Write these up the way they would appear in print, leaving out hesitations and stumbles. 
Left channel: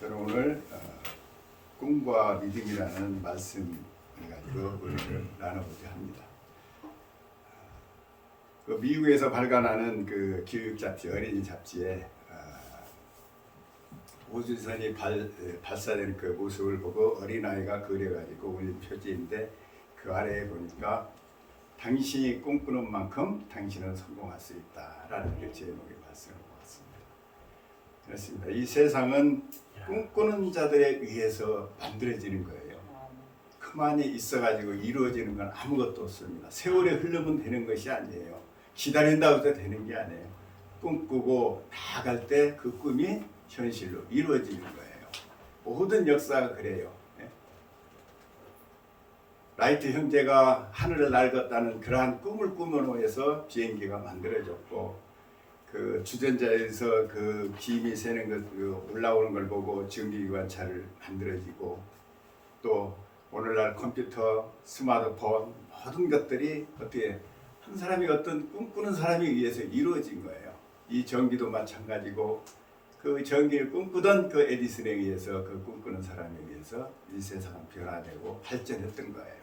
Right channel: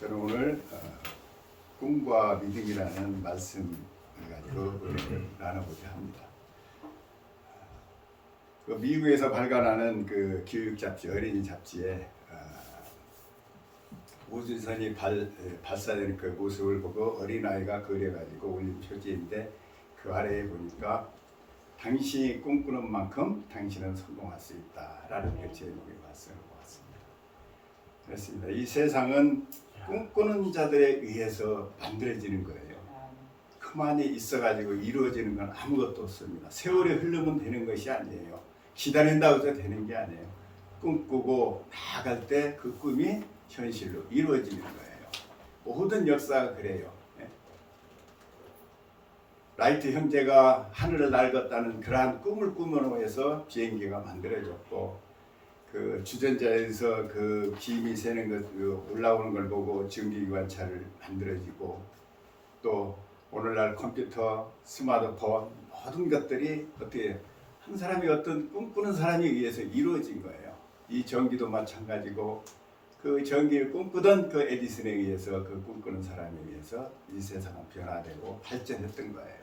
저는 오늘 꿈과 믿음이라는 말씀을 가지고 은혜를 나눠보자 합니다. 그 미국에서 발간하는 그 교육 잡지, 어린이 잡지에 우주선이 발사되는 그 모습을 보고 어린아이가 그려가지고 올린 표지인데, 그 아래에 보니까 당신이 꿈꾸는 만큼 당신은 성공할 수 있다라는 그 제목의 말씀을 보았습니다. 그렇습니다. 이 세상은 꿈꾸는 자들에 의해서 만들어지는 거예요. 그만이 있어가지고 이루어지는 건 아무것도 없습니다. 세월이 흐르면 되는 것이 아니에요. 기다린다고 해서 되는 게 아니에요. 꿈꾸고 나아갈 때 그 꿈이 현실로 이루어지는 거예요. 모든 역사가 그래요. 라이트 형제가 하늘을 날갔다는 그러한 꿈을 꾸며놓아서 비행기가 만들어졌고, 그 주전자에서 그 김이 새는 것, 올라오는 걸 보고 전기기관차를 만들어지고, 또 오늘날 컴퓨터, 스마트폰 모든 것들이 어떻게 한 사람이 어떤 꿈꾸는 사람에 의해서 이루어진 거예요. 이 전기도 마찬가지고, 그 전기를 꿈꾸던 그 에디슨에 의해서, 그 꿈꾸는 사람에 의해서 이 세상은 변화되고 발전했던 거예요.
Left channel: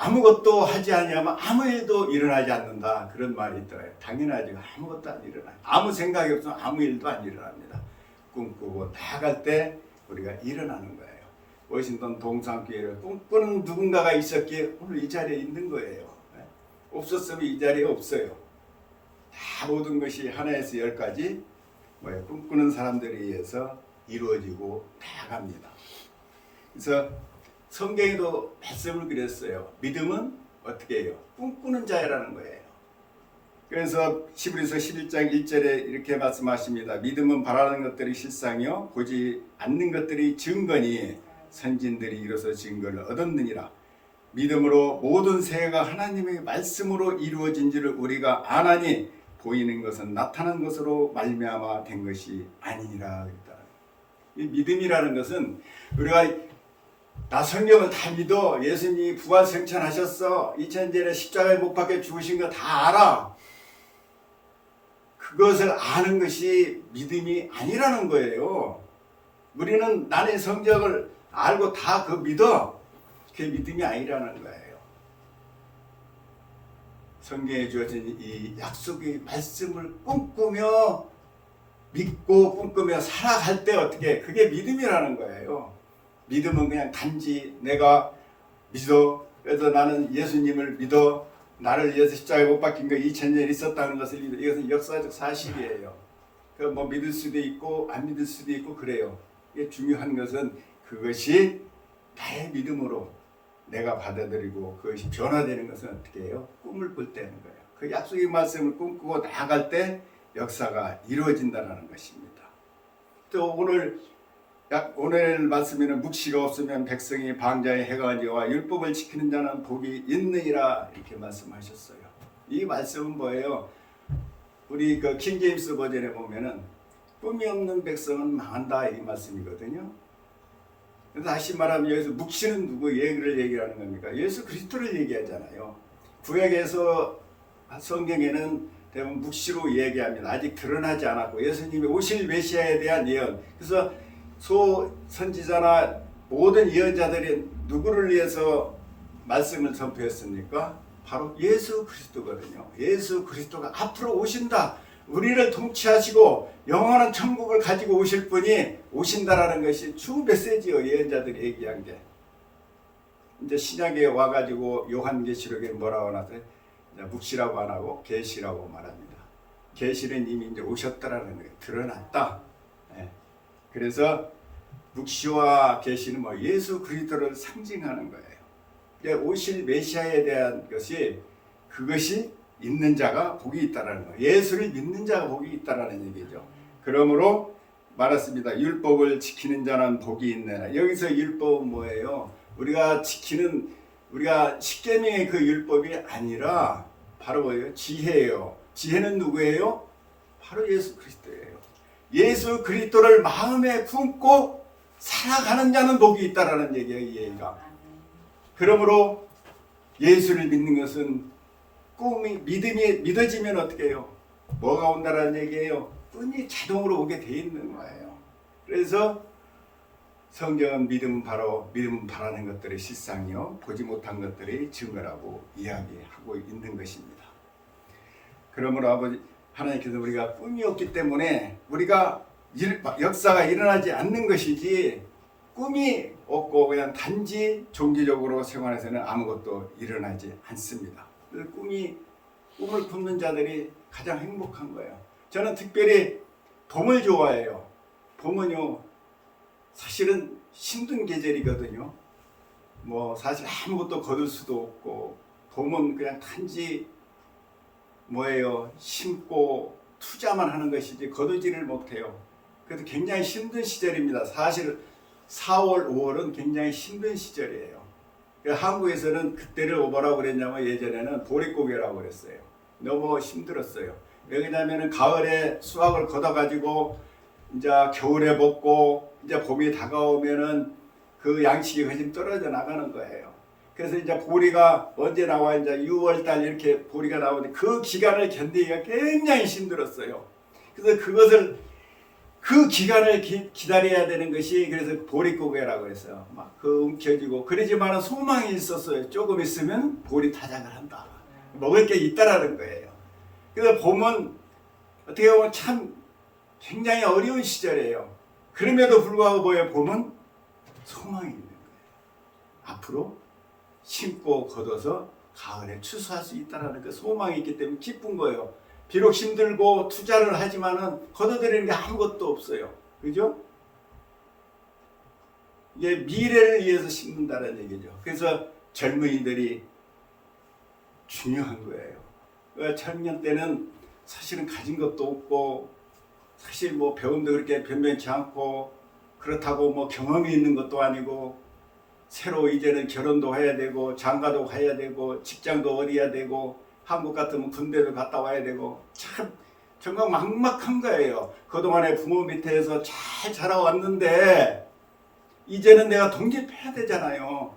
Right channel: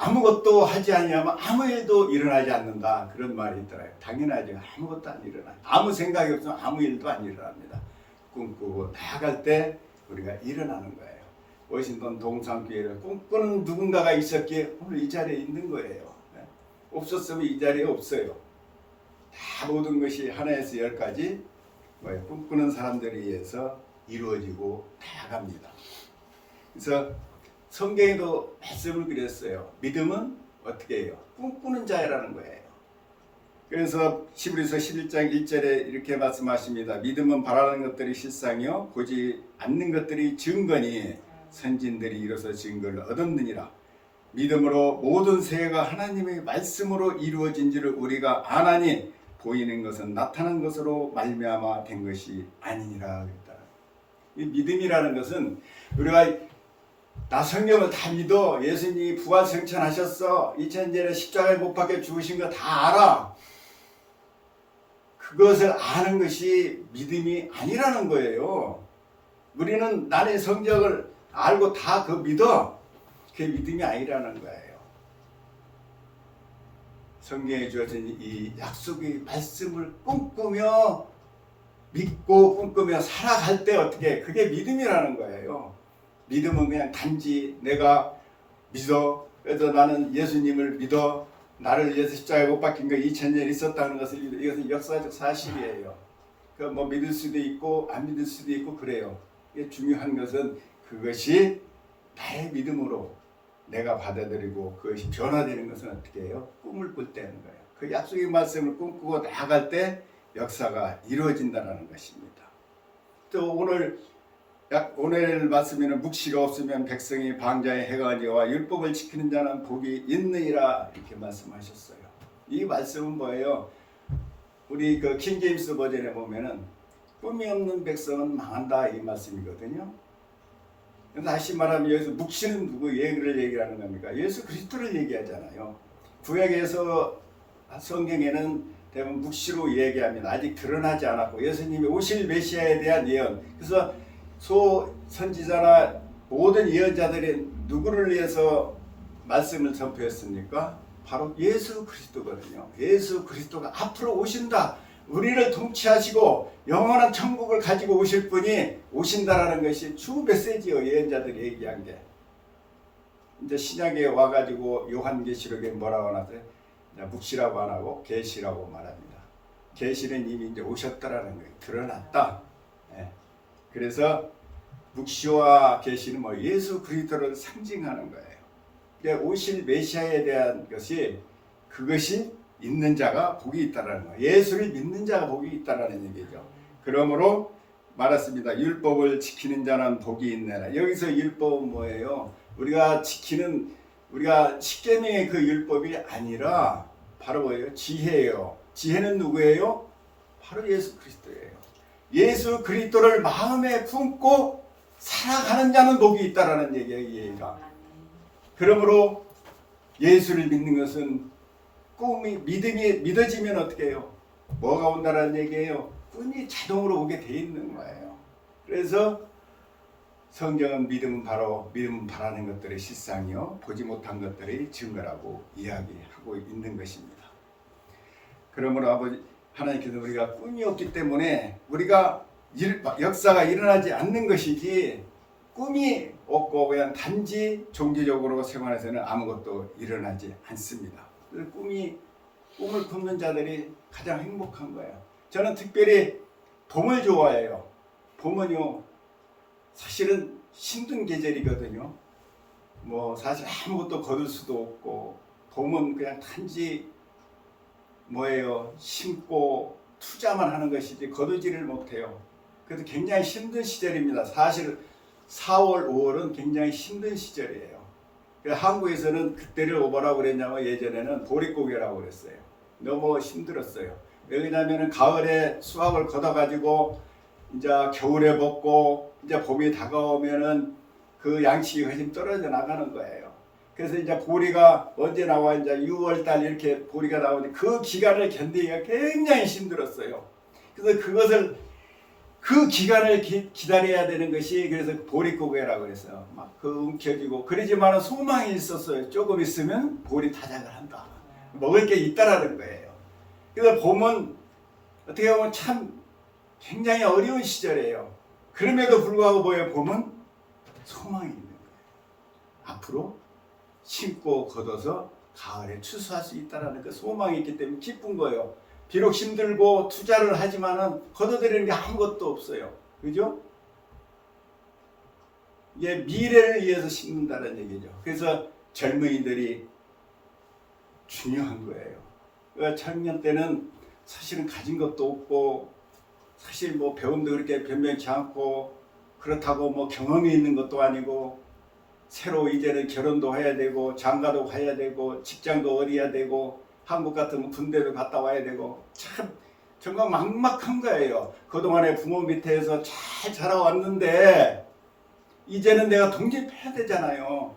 아무것도 하지 않으면 아무 일도 일어나지 않는다, 그런 말이 있더라고요. 당연하죠. 아무것도 안 일어나요. 아무 생각이 없으면 아무 일도 안 일어납니다. 꿈꾸고 나아갈 때 우리가 일어나는 거예요. 워싱턴 동산교회를 꿈꾸는 누군가가 있었기에 오늘 이 자리에 있는 거예요. 없었으면 이 자리에 없어요. 다 모든 것이 하나에서 10까지 꿈꾸는 사람들에 의해서 이루어지고 나아갑니다. 그래서 성경에도 말씀을 그렸어요. 믿음은 어떻게 해요? 꿈꾸는 자라는 거예요. 그래서 히브리서 11장 1절에 이렇게 말씀하십니다. 믿음은 바라는 것들이 실상이요 보지 않는 것들이 증거니 선진들이 이로써 증거를 얻었느니라. 믿음으로 모든 세계가 하나님의 말씀으로 이루어진 줄을 우리가 아나니 보이는 것은 나타난 것으로 말미암아 된 것이 아니니라 그랬다. 이 믿음이라는 것은 우리가 나 성경을 다 믿어, 예수님이 부활 승천하셨어, 2000년에 십자가에 못 박혀 죽으신 거 다 알아, 그것을 아는 것이 믿음이 아니라는 거예요. 우리는 나의 성경을 알고 다 그 믿어, 그게 믿음이 아니라는 거예요. 성경에 주어진 이 약속의 말씀을 꿈꾸며 믿고 꿈꾸며 살아갈 때 어떻게, 그게 믿음이라는 거예요. 믿음은 그냥 단지 내가 믿어, 그래서 나는 예수님을 믿어, 나를 위해서 십자가에 못 박힌 거 2000년 있었다는 것을 믿어, 이것은 역사적 사실이에요. 그 뭐 믿을 수도 있고 안 믿을 수도 있고 그래요. 이게 중요한 것은 그것이 나의 믿음으로 내가 받아들이고 그것이 변화되는 것은 어떻게 해요? 꿈을 꿀 때는 거예요. 그 약속의 말씀을 꿈꾸고 나아갈 때 역사가 이루어진다는 것입니다. 또 오늘 말씀에는 묵시가 없으면 백성이 방자에 해가 지와 율법을 지키는 자는 복이 있느니라 이렇게 말씀하셨어요. 이 말씀은 뭐예요? 우리 그 킹제임스 버전에 보면은 꿈이 없는 백성은 망한다, 이 말씀이거든요. 다시 말하면 여기서 묵시는 누구 얘기하는 겁니까? 예수 그리스도를 얘기하잖아요. 구약에서 성경에는 대부분 묵시로 얘기합니다. 아직 드러나지 않았고 예수님이 오실 메시아에 대한 예언. 그래서 선지자나 모든 예언자들이 누구를 위해서 말씀을 전표했습니까? 바로 예수 그리스도거든요. 예수 그리스도가 앞으로 오신다, 우리를 통치하시고 영원한 천국을 가지고 오실 분이 오신다라는 것이 주 메시지요. 예언자들이 얘기한 게. 이제 신약에 와가지고 요한계시록에 뭐라고 하나요? 묵시라고 안 하고 계시라고 말합니다. 계시는 이미 이제 오셨다라는 거예요. 드러났다. 그래서 묵시와 계시는 예수 그리스도를 상징하는 거예요. 그러니까 오실 메시아에 대한 것이, 그것이 있는 자가 복이 있다라는 거예요. 예수를 믿는 자가 복이 있다라는 얘기죠. 그러므로 말했습니다. 율법을 지키는 자는 복이 있네. 여기서 율법은 뭐예요? 우리가 십계명의 그 율법이 아니라 바로 뭐예요? 지혜예요. 지혜는 누구예요? 바로 예수 그리스도예요. 예수 그리스도를 마음에 품고 살아가는 자는 복이 있다라는 얘기예요. 이 얘기가. 그러므로 예수를 믿는 것은 믿음이 믿어지면 어떻게 해요? 뭐가 온다라는 얘기예요? 꿈이 자동으로 오게 돼 있는 거예요. 그래서 성경은 믿음은 바라는 것들의 실상이요 보지 못한 것들의 증거라고 이야기하고 있는 것입니다. 그러므로 아버지 하나님께서 우리가 꿈이 없기 때문에 우리가 역사가 일어나지 않는 것이지, 꿈이 없고 그냥 단지 종교적으로 생활에서는 아무것도 일어나지 않습니다. 꿈을 꾸는 자들이 가장 행복한 거예요. 저는 특별히 봄을 좋아해요. 봄은요 사실은 힘든 계절이거든요. 뭐 사실 아무것도 거둘 수도 없고, 봄은 그냥 단지 뭐예요, 심고 투자만 하는 것이지 거두지를 못해요. 그래서 굉장히 힘든 시절입니다. 사실 4월, 5월은 굉장히 힘든 시절이에요. 한국에서는 그때를 뭐라고 그랬냐면 예전에는 보릿고개라고 그랬어요. 너무 힘들었어요. 왜냐하면 가을에 수확을 걷어가지고 이제 겨울에 먹고 이제 봄이 다가오면은 그 양식이 훨씬 떨어져 나가는 거예요. 그래서 이제 보리가 언제 나와, 이제 6월달 이렇게 보리가 나오는데 그 기간을 견디기가 굉장히 힘들었어요. 그래서 그 기간을 기다려야 되는 것이, 그래서 보릿고개라고 해서 막 그 움켜쥐고 그러지만은 소망이 있었어요. 조금 있으면 보리 타작을 한다. 먹을 게 있다라는 거예요. 그래서 봄은 어떻게 보면 참 굉장히 어려운 시절이에요. 그럼에도 불구하고 뭐예요? 봄은 소망이 있는 거예요. 앞으로 심고 걷어서 가을에 추수할 수 있다는 그 소망이 있기 때문에 기쁜 거예요. 비록 힘들고 투자를 하지만은 거둬들이는 게 아무것도 없어요. 그죠? 이게 미래를 위해서 심는다는 얘기죠. 그래서 젊은이들이 중요한 거예요. 청년 때는 사실은 가진 것도 없고, 사실 뭐 배움도 그렇게 변변치 않고, 그렇다고 뭐 경험이 있는 것도 아니고, 새로 이제는 결혼도 해야 되고, 장가도 가야 되고, 직장도 얻어야 되고, 한국 같으면 군대도 갔다 와야 되고, 참 정말 막막한 거예요. 그동안에 부모 밑에서 잘 자라왔는데 이제는 내가 독립해야 되잖아요.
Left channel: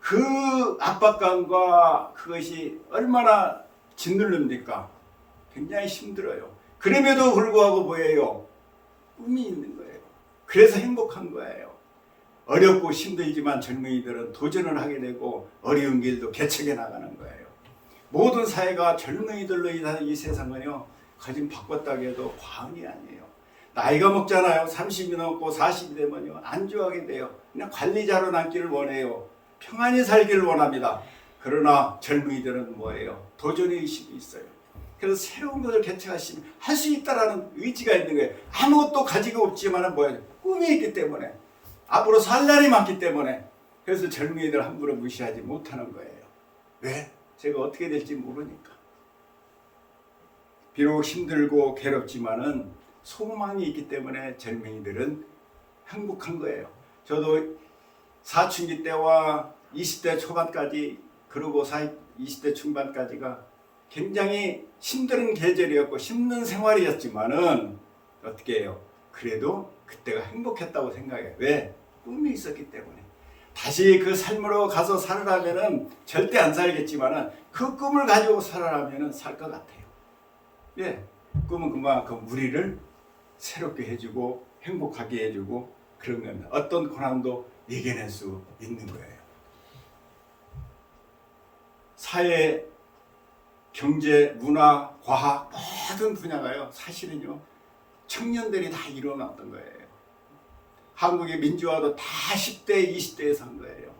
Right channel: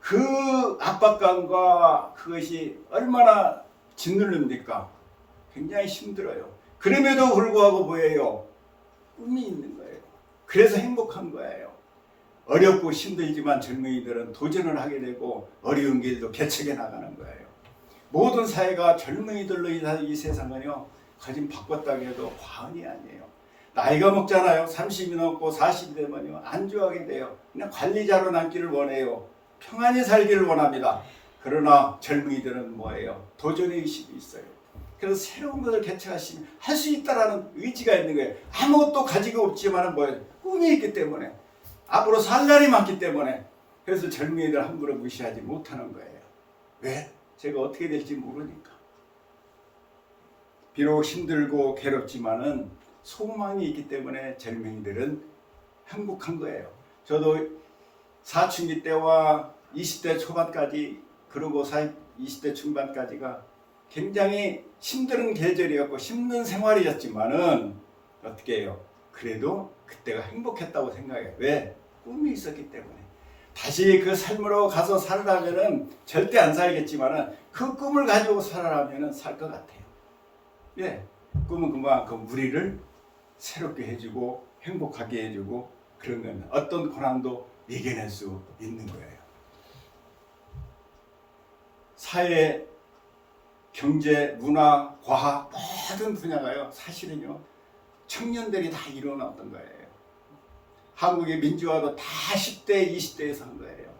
그 압박감과 그것이 얼마나 짓누릅니까? 굉장히 힘들어요. 그럼에도 불구하고 뭐예요? 꿈이 있는 거예요. 그래서 행복한 거예요. 어렵고 힘들지만 젊은이들은 도전을 하게 되고 어려운 길도 개척해 나가는 거예요. 모든 사회가 젊은이들로 이 세상은요 거진 바꿨다고 해도 과언이 아니에요. 나이가 먹잖아요. 30이 넘고 40이 되면요 안주하게 돼요. 그냥 관리자로 남기를 원해요. 평안히 살기를 원합니다. 그러나 젊은이들은 뭐예요? 도전의 의식이 있어요. 그래서 새로운 것을 개척하시면 할 수 있다라는 의지가 있는 거예요. 아무것도 가지고 없지만 뭐예요? 꿈이 있기 때문에, 앞으로 살 날이 많기 때문에. 그래서 젊은이들 함부로 무시하지 못하는 거예요. 왜? 제가 어떻게 될지 모르니까. 비록 힘들고 괴롭지만은 소망이 있기 때문에 젊은이들은 행복한 거예요. 저도 사춘기 때와 20대 초반까지, 그리고 20대 중반까지가 굉장히 힘든 계절이었고 힘든 생활이었지만은 어떻게 해요? 그래도 그때가 행복했다고 생각해요. 왜? 꿈이 있었기 때문에. 다시 그 삶으로 가서 살으라면은 절대 안 살겠지만은 그 꿈을 가지고 살아라면은 살 것 같아요. 예, 꿈은 그만큼 우리를 새롭게 해주고 행복하게 해주고 그런 겁니다. 어떤 고난도 이겨낼 수 있는 거예요. 사회, 경제, 문화, 과학 모든 분야가요 사실은요 청년들이 다 이뤄놨던 거예요. 한국의 민주화도 다 10대, 20대에서 한 거예요.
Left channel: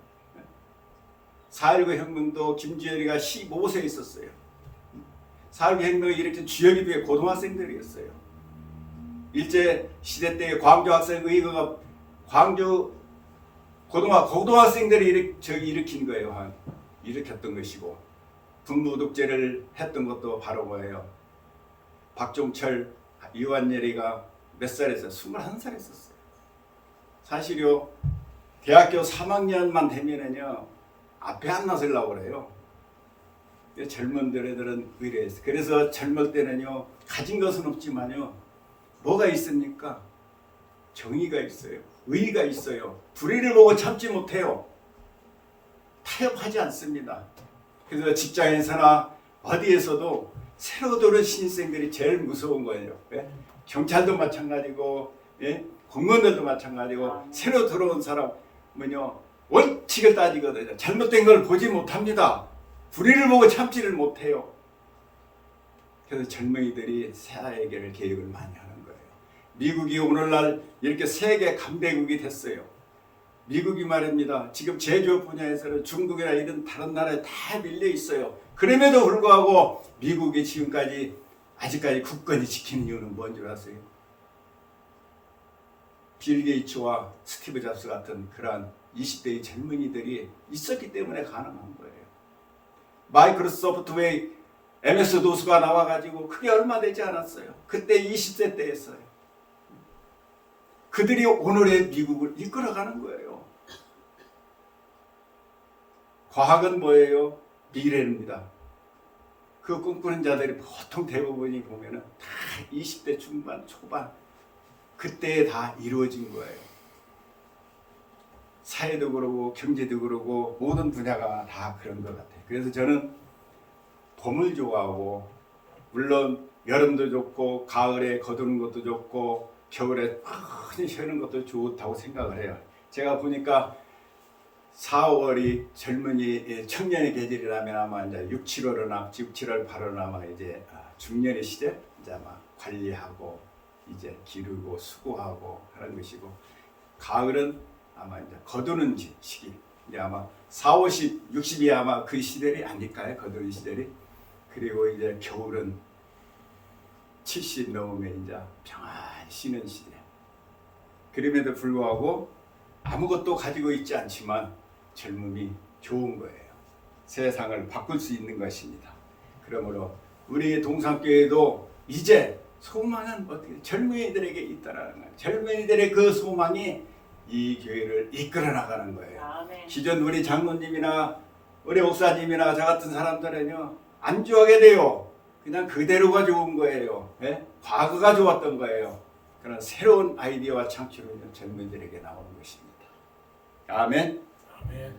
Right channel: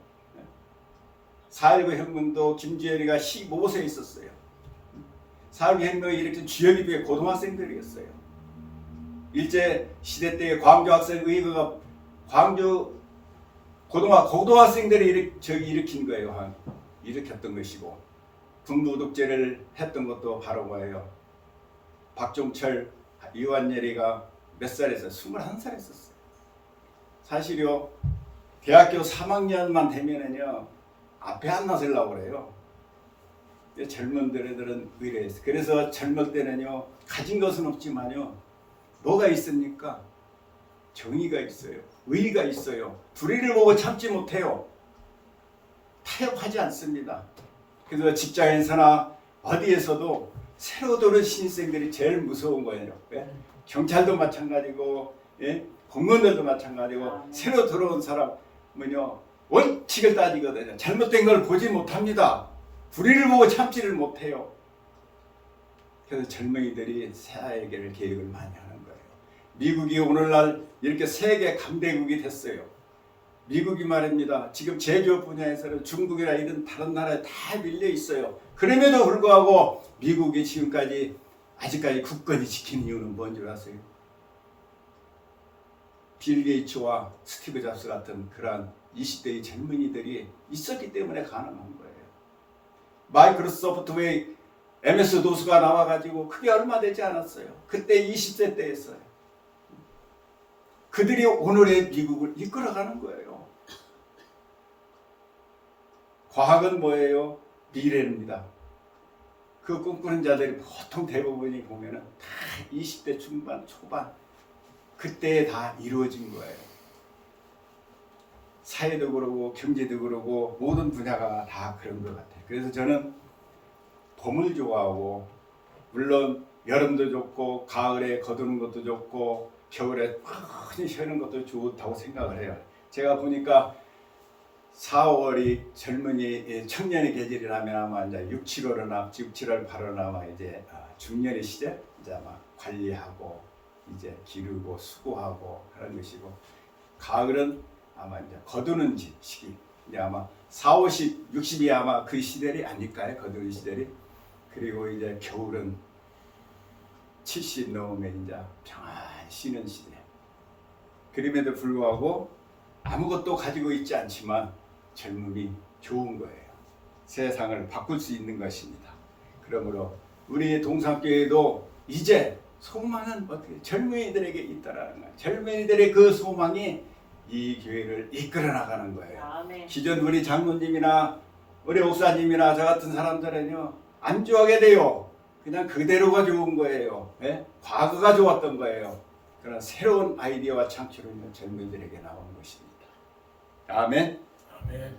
4.19 혁명도 김주현이가 15세에 있었어요. 4.19 혁명을 일으킨 주역이 고등학생들이었어요. 일제시대 때 광주 학생의회가 광주 고등학생들이 일으킨 거예요. 일으켰던 것이고, 북노독제를 했던 것도 바로 뭐예요? 박종철, 이완열이가 몇 살이었어요? 21살 있었어요. 사실요 대학교 3학년만 되면은요 앞에 안 나서려고 그래요. 젊은들은 의뢰했어요. 그래서 젊을 때는요 가진 것은 없지만요 뭐가 있습니까? 정의가 있어요. 의의가 있어요. 불의를 보고 참지 못해요. 타협하지 않습니다. 그래서 직장에서나 어디에서도 새로 들어온 신입생들이 제일 무서운 거예요. 왜? 경찰도 마찬가지고, 예? 공무원들도 마찬가지고 새로 들어온 사람은요 원칙을 따지거든요. 잘못된 걸 보지 못합니다. 불의를 보고 참지를 못해요. 그래서 젊은이들이 새해계를 계획을 많이 하는 거예요. 미국이 오늘날 이렇게 세계 강대국이 됐어요. 미국이 말입니다. 지금 제조업 분야에서는 중국이나 이런 다른 나라에 다 밀려 있어요. 그럼에도 불구하고 미국이 지금까지 아직까지 굳건히 지키는 이유는 뭔 줄 아세요? 빌 게이츠와 스티브 잡스 같은 그러한 20대의 젊은이들이 있었기 때문에 가능한 거예요. 마이크로소프트웨이 MS 도수가 나와가지고 그게 얼마 되지 않았어요. 그때 20세 때였어요. 그들이 오늘의 미국을 이끌어가는 거예요. 과학은 뭐예요? 미래입니다. 그 꿈꾸는 자들이 보통 대부분이 보면은 다 20대 중반, 초반 그때에 다 이루어진 거예요. 사회도 그러고 경제도 그러고 모든 분야가 다 그런 것 같아요. 그래서 저는 봄을 좋아하고 물론 여름도 좋고 가을에 거두는 것도 좋고 겨울에 푹 쉬는 것도 좋다고 생각을 해요. 제가 보니까 4월이 젊은이 청년의 계절이라면 아마 이제 6, 7월은 6, 7월, 8월은 아마 이제 중년의 시대 이제 아마 관리하고 이제 기르고 수고하고 하는 것이고 가을은 아마 이제 거두는 시기 이제 아마 4, 50, 60이 아마 그 시절이 아닐까요? 거두는 시절이. 그리고 이제 겨울은 70 넘으면 이제 평안히 쉬는 시대. 그럼에도 불구하고 아무것도 가지고 있지 않지만 젊음이 좋은 거예요. 세상을 바꿀 수 있는 것입니다. 그러므로 우리 동산교회도 이제 소망은 어떻게 젊은이들에게 있다라는 거예요. 젊은이들의 그 소망이 이 교회를 이끌어 나가는 거예요. 아멘. 기존 우리 장로님이나 우리 목사님이나 저 같은 사람들은요 안 좋아하게 돼요. 그냥 그대로가 좋은 거예요. 네? 과거가 좋았던 거예요. 그러나 새로운 아이디어와 창출은 젊은이들에게 나온 것입니다. 아멘. 아멘.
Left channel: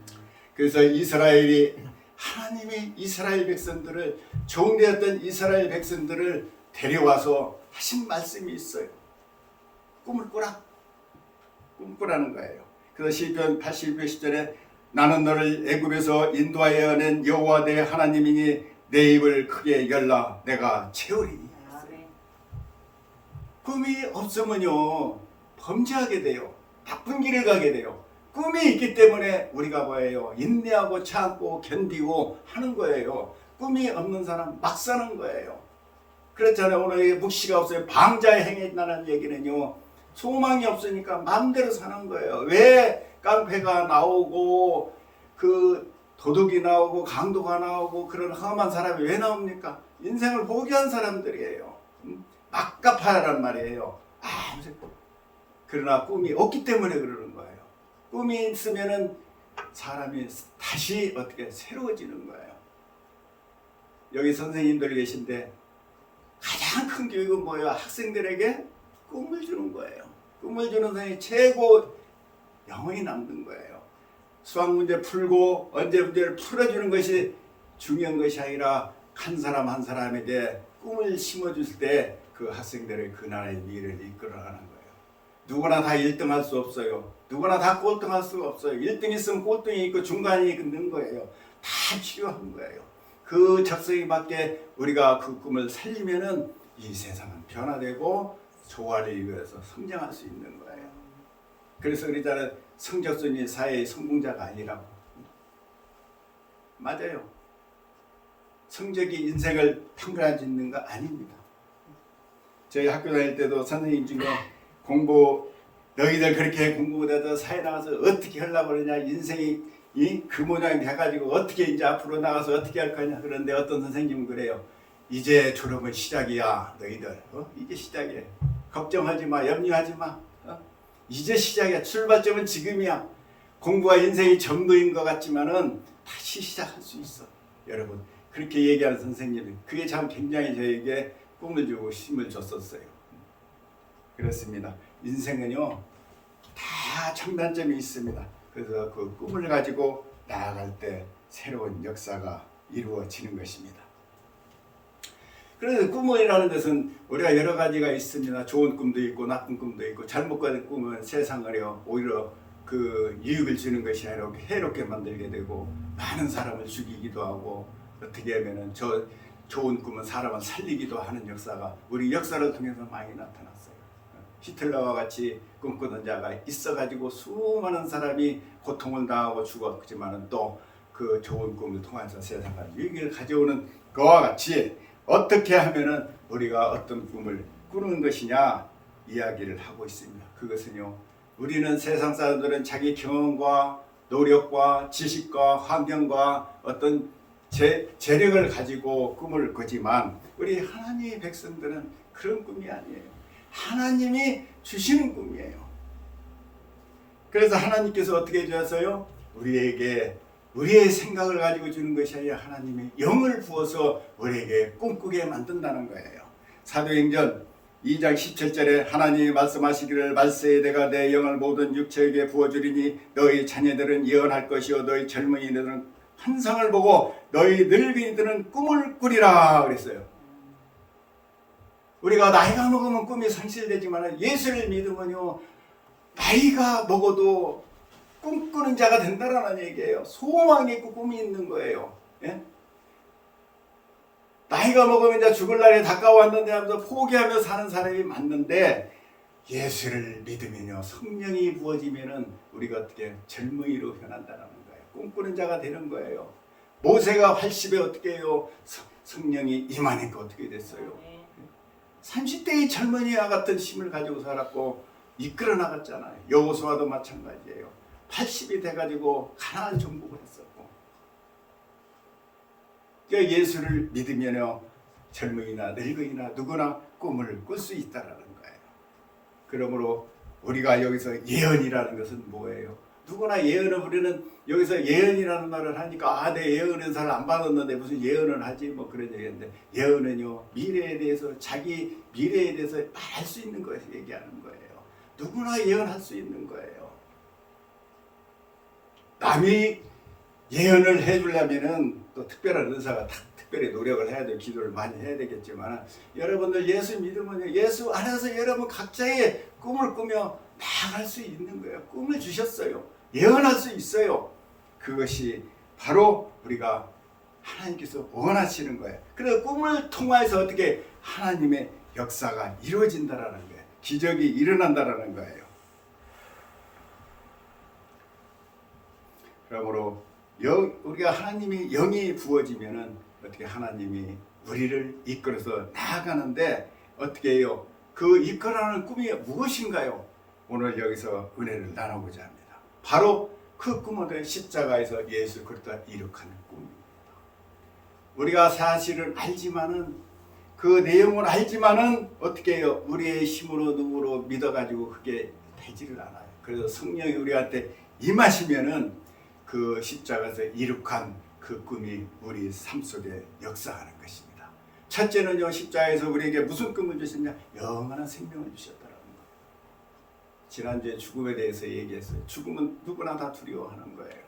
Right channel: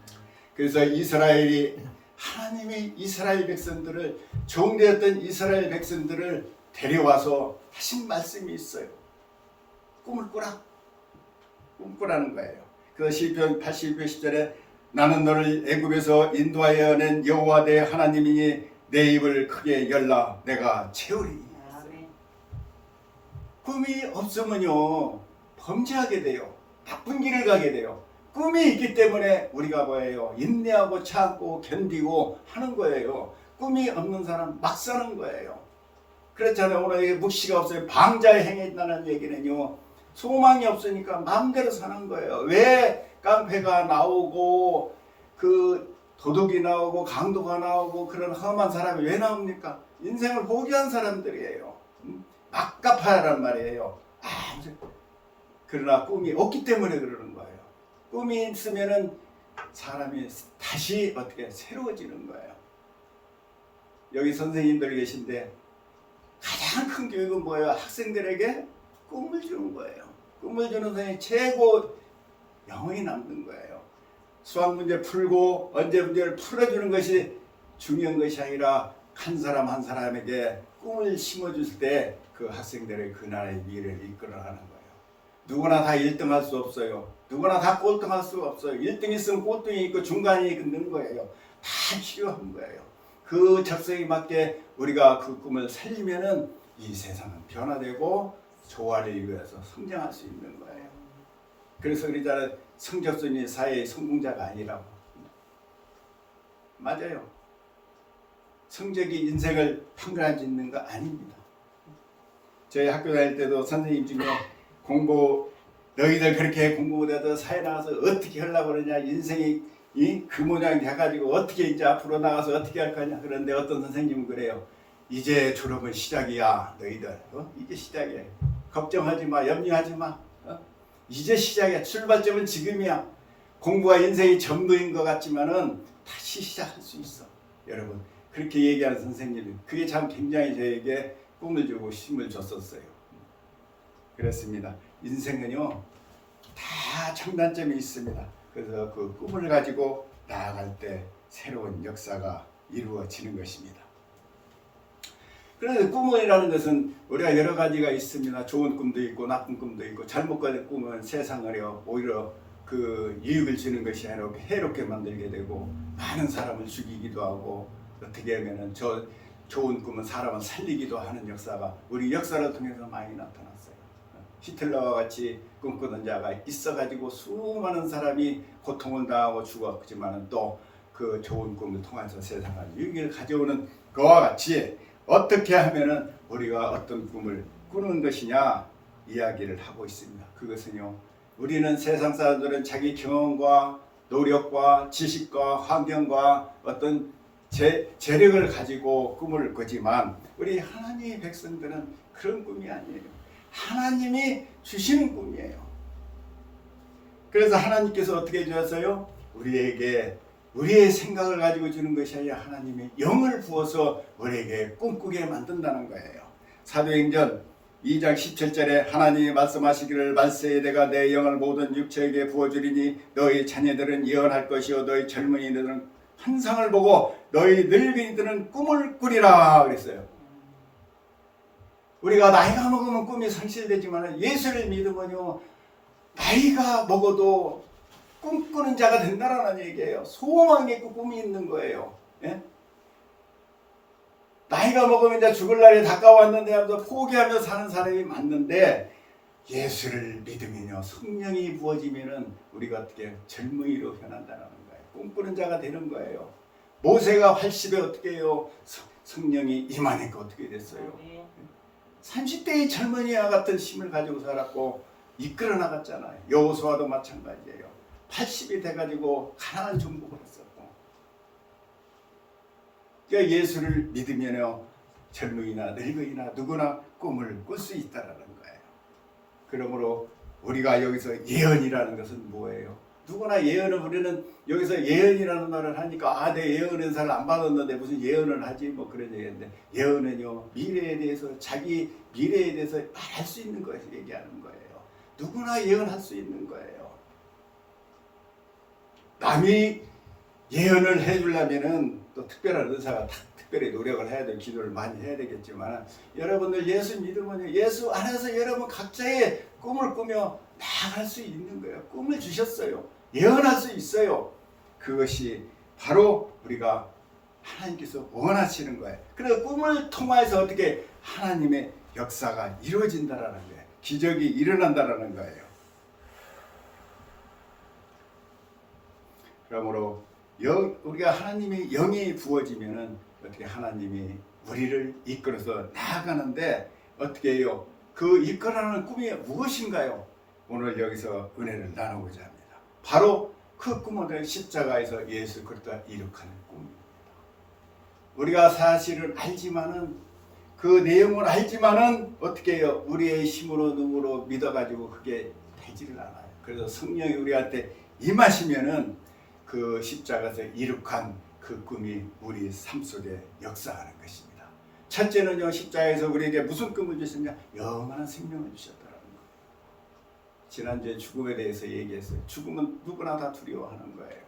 그래서 이스라엘이 하나님이 이스라엘 백성들을 종되었던 이스라엘 백성들을 데려와서 하신 말씀이 있어요. 꿈을 꾸라. 꿈꾸라는 거예요. 그래서 시편 81편 10절에 나는 너를 애굽에서 인도하여 낸 여호와 내 하나님이니 내 입을 크게 열라 내가 채우리니. 꿈이 없으면요 범죄하게 돼요. 나쁜 길을 가게 돼요. 꿈이 있기 때문에 우리가 뭐예요? 인내하고 참고 견디고 하는 거예요. 꿈이 없는 사람 막 사는 거예요. 그렇잖아요. 오늘 묵시가 없어요. 방자에 행했다는 얘기는요. 소망이 없으니까 마음대로 사는 거예요. 왜 깡패가 나오고 그 도둑이 나오고 강도가 나오고 그런 험한 사람이 왜 나옵니까? 인생을 포기한 사람들이에요. 막가파란 말이에요. 그러나 꿈이 없기 때문에 그러는 거예요. 꿈이 있으면은 사람이 다시 어떻게 새로워지는 거예요. 여기 선생님들 계신데 가장 큰 교육은 뭐예요? 학생들에게 꿈을 주는 거예요. 꿈을 주는 선생님이 최고 영원히 남는 거예요. 수학 문제 풀고 언제 문제를 풀어주는 것이 중요한 것이 아니라 한 사람 한 사람에게 꿈을 심어줄 때 그 학생들의 그 나라의 미래를 이끌어가는 거예요. 누구나 다 1등 할 수 없어요. 누구나 다 꼴등할 수가 없어요. 1등 있으면 꼴등이 있고 중간이 있는 거예요. 다 필요한 거예요. 그 적성에 맞게 우리가 그 꿈을 살리면은 이 세상은 변화되고 조화를 이루어서 성장할 수 있는 거예요. 그래서 그러잖아요. 성적순이 사회의 성공자가 아니라고. 맞아요. 성적이 인생을 평가해 짓는 거 아닙니다. 저희 학교 다닐 때도 선생님 중에 너희들 그렇게 공부 못해도 사회 나가서 어떻게 하려고 그러냐, 인생이 그 모양이 돼가지고 어떻게 이제 앞으로 나가서 어떻게 할 거냐. 그런데 어떤 선생님은 그래요. 이제 졸업은 시작이야. 너희들 이제 시작이야. 걱정하지 마. 염려하지 마. 이제 시작이야. 출발점은 지금이야. 공부가 인생의 전부인 것 같지만은 다시 시작할 수 있어. 여러분 그렇게 얘기하는 선생님이 그게 참 굉장히 저에게 꿈을 주고 힘을 줬었어요. 그렇습니다. 인생은요 다 청단점이 있습니다. 그래서 그 꿈을 가지고 나아갈 때 새로운 역사가 이루어지는 것입니다. 그래서 꿈이라는 것은 우리가 여러 가지가 있습니다. 좋은 꿈도 있고 나쁜 꿈도 있고 잘못 가진 꿈은 세상을요 오히려 그 이익을 주는 것이 아니라 해롭게 만들게 되고 많은 사람을 죽이기도 하고 어떻게 하면은 저 좋은 꿈은 사람을 살리기도 하는 역사가 우리 역사를 통해서 많이 나타났어요. 히틀러와 같이 꿈꾸던 자가 있어가지고 수많은 사람이 고통을 당하고 죽었지만은 또 그 좋은 꿈을 통해서 세상을 유익을 가져오는 그와 같이 어떻게 하면은 우리가 어떤 꿈을 꾸는 것이냐 이야기를 하고 있습니다. 그것은요 우리는 세상 사람들은 자기 경험과 노력과 지식과 환경과 어떤 재력을 가지고 꿈을 꾸지만 우리 하나님의 백성들은 그런 꿈이 아니에요. 하나님이 주시는 꿈이에요. 그래서 하나님께서 어떻게 주셨어요? 우리에게 우리의 생각을 가지고 주는 것이 아니라 하나님의 영을 부어서 우리에게 꿈꾸게 만든다는 거예요. 사도행전 2장 17절에 하나님이 말씀하시기를 말세에 내가 내 영을 모든 육체에게 부어주리니 너희 자녀들은 예언할 것이요 너희 젊은이들은 환상을 보고 너희 늙은이들은 꿈을 꾸리라 그랬어요. 우리가 나이가 먹으면 꿈이 상실되지만 예수를 믿으면요 나이가 먹어도 꿈꾸는 자가 된다라는 얘기예요. 소망이 있고 꿈이 있는 거예요. 예? 나이가 먹으면 이제 죽을 날이 가까워왔는데 하면서 포기하며 사는 사람이 많는데 예수를 믿으면요 성령이 부어지면은 우리가 어떻게 젊은이로 변한다는 거예요. 꿈꾸는 자가 되는 거예요. 모세가 80에 어떻게 해요? 성령이 임하니까 어떻게 됐어요? 30대의 젊은이와 같은 힘을 가지고 살았고 이끌어 나갔잖아요. 여호수아도 마찬가지예요. 80이 돼가지고 가나안 정복을 했었고 그러니까 예수를 믿으면요 젊은이나 늙은이나 누구나 꿈을 꿀 수 있다라는 거예요. 그러므로 우리가 여기서 예언이라는 것은 뭐예요? 누구나 예언을 우리는 여기서 예언이라는 말을 하니까 내 예언 은사를 안 받았는데 무슨 예언을 하지 뭐 그런 얘기인데 예언은요 미래에 대해서 자기 미래에 대해서 말할 수 있는 거에서 얘기하는 거예요. 누구나 예언할 수 있는 거예요. 남이 예언을 해주려면은 또 특별한 의사가 특별히 노력을 해야 될 기도를 많이 해야 되겠지만 여러분들 예수 믿으면 예수 안에서 여러분 각자의 꿈을 꾸며 나아갈 수 있는 거예요. 꿈을 주셨어요. 예언할 수 있어요. 그것이 바로 우리가 하나님께서 원하시는 거예요. 그래서 꿈을 통해서 어떻게 하나님의 역사가 이루어진다라는 거예요. 기적이 일어난다라는 거예요. 그러므로 우리가 하나님의 영이 부어지면은 어떻게 하나님이 우리를 이끌어서 나아가는데 어떻게 해요? 그 이끌어가는 꿈이 무엇인가요? 오늘 여기서 은혜를 나누고자 합니다. 바로 그 꿈은 십자가에서 예수 그리스도가 이룩하는 꿈입니다. 우리가 사실은 알지만은 그 내용을 알지만은 어떻게 해요? 우리의 힘으로 능으로 믿어가지고 그게 되지를 않아요. 그래서 성령이 우리한테 임하시면은 그 십자가에서 이룩한 그 꿈이 우리 삶 속에 역사하는 것입니다. 첫째는요 십자가에서 우리에게 무슨 꿈을 주셨냐? 영원한 생명을 주셨다라는 거예요. 지난주에 죽음에 대해서 얘기했어요. 죽음은 누구나 다 두려워하는 거예요.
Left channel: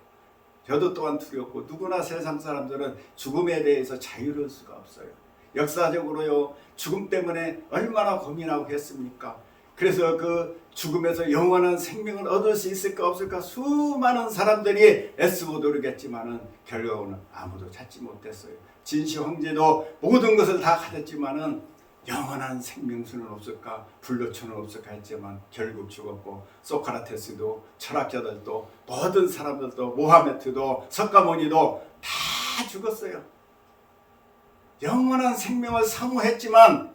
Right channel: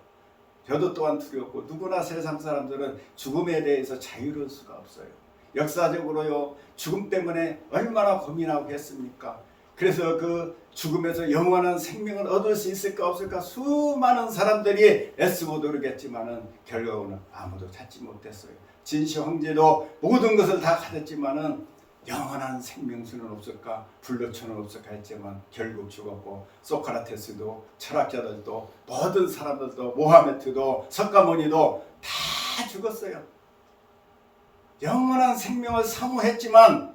저도 또한 두렵고 누구나 세상 사람들은 죽음에 대해서 자유로울 수가 없어요. 역사적으로요 죽음 때문에 얼마나 고민하고 했습니까? 그래서 그 죽음에서 영원한 생명을 얻을 수 있을까 없을까 수많은 사람들이 애쓰고 노력했지만은 결국은 아무도 찾지 못했어요. 진시 황제도 모든 것을 다 가졌지만은 영원한 생명수는 없을까 불로초는 없을까 했지만 결국 죽었고 소크라테스도 철학자들도 모든 사람들도 모하메트도 석가모니도 다 죽었어요. 영원한 생명을 사모했지만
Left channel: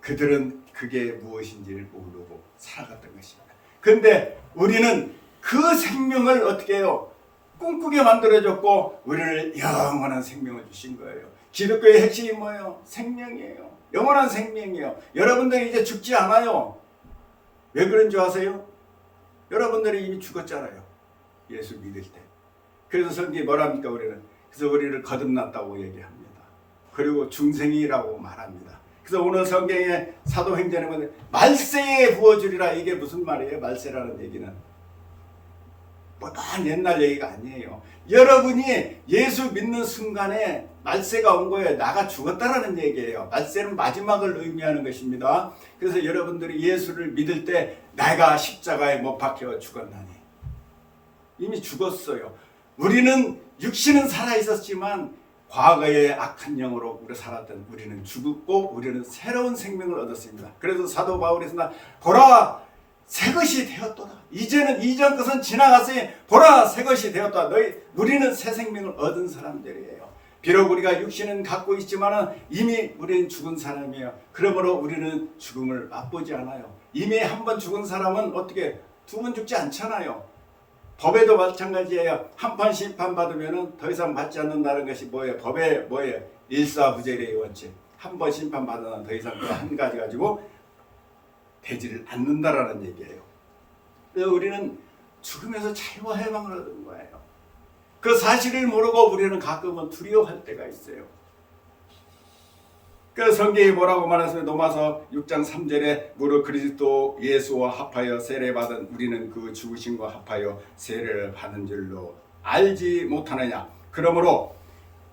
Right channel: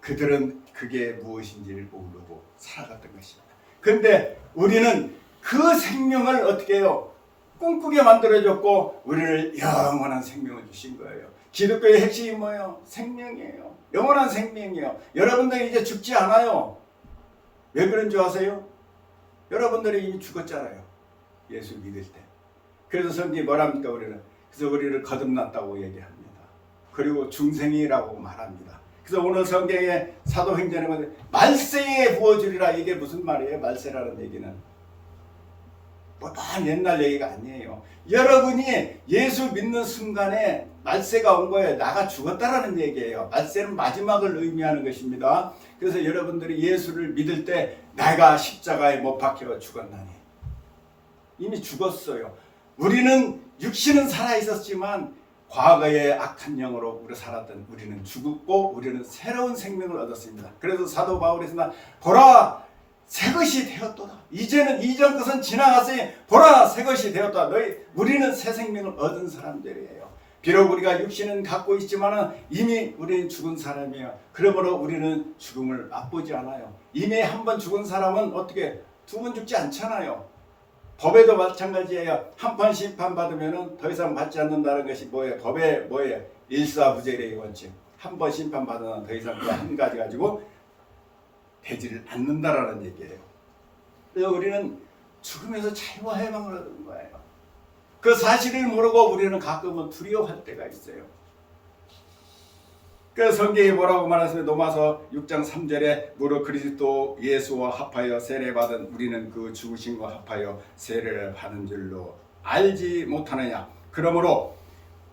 그들은 그게 무엇인지를 모르고 살아갔던 것입니다. 그런데 우리는 그 생명을 어떻게 해요? 꿈꾸게 만들어줬고 우리를 영원한 생명을 주신 거예요. 기독교의 핵심이 뭐예요? 생명이에요. 영원한 생명이에요. 여러분들이 이제 죽지 않아요. 왜 그런 줄 아세요? 여러분들이 이미 죽었잖아요. 예수 믿을 때. 그래서 성경이 뭐랍니까 우리는? 그래서 우리를 거듭났다고 얘기합니다. 그리고 중생이라고 말합니다. 그래서 오늘 성경에 사도행전에 보면 말세에 부어주리라. 이게 무슨 말이에요? 말세라는 얘기는 뭐다 옛날 얘기가 아니에요. 여러분이 예수 믿는 순간에 말세가 온 거예요. 나가 죽었다라는 얘기예요. 말세는 마지막을 의미하는 것입니다. 그래서 여러분들이 예수를 믿을 때 내가 십자가에 못 박혀 죽었나니 이미 죽었어요. 우리는 육신은 살아있었지만 과거의 악한 영으로 우리 살았던 우리는 죽었고 우리는 새로운 생명을 얻었습니다. 그래서 사도 바울이 나 보라 새것이 되었도다. 이제는 이전 것은 지나갔으니 보라 새것이 되었다. 우리는 새 생명을 얻은 사람들이에요. 비록 우리가 육신은 갖고 있지만 이미 우리는 죽은 사람이에요. 그러므로 우리는 죽음을 맛보지 않아요. 이미 한 번 죽은 사람은 어떻게 두 번 죽지 않잖아요. 법에도 마찬가지예요. 한 번 심판받으면 더 이상 받지 않는다는 것이 뭐예요? 법에 뭐예요? 일사부재의 원칙. 한 번 심판받으면 더 이상 그 한 가지 가지고 되지를 않는다라는 얘기예요. 그래서 우리는 죽음에서 자유와 해방을 얻은 거예요. 그 사실을 모르고 우리는 가끔은 두려워할 때가 있어요. 그 성경이 뭐라고 말하세요? 로마서 6장 3절에 무릇 그리스도 예수와 합하여 세례받은 우리는 그 죽으심과 합하여 세례를 받은 줄로 알지 못하느냐. 그러므로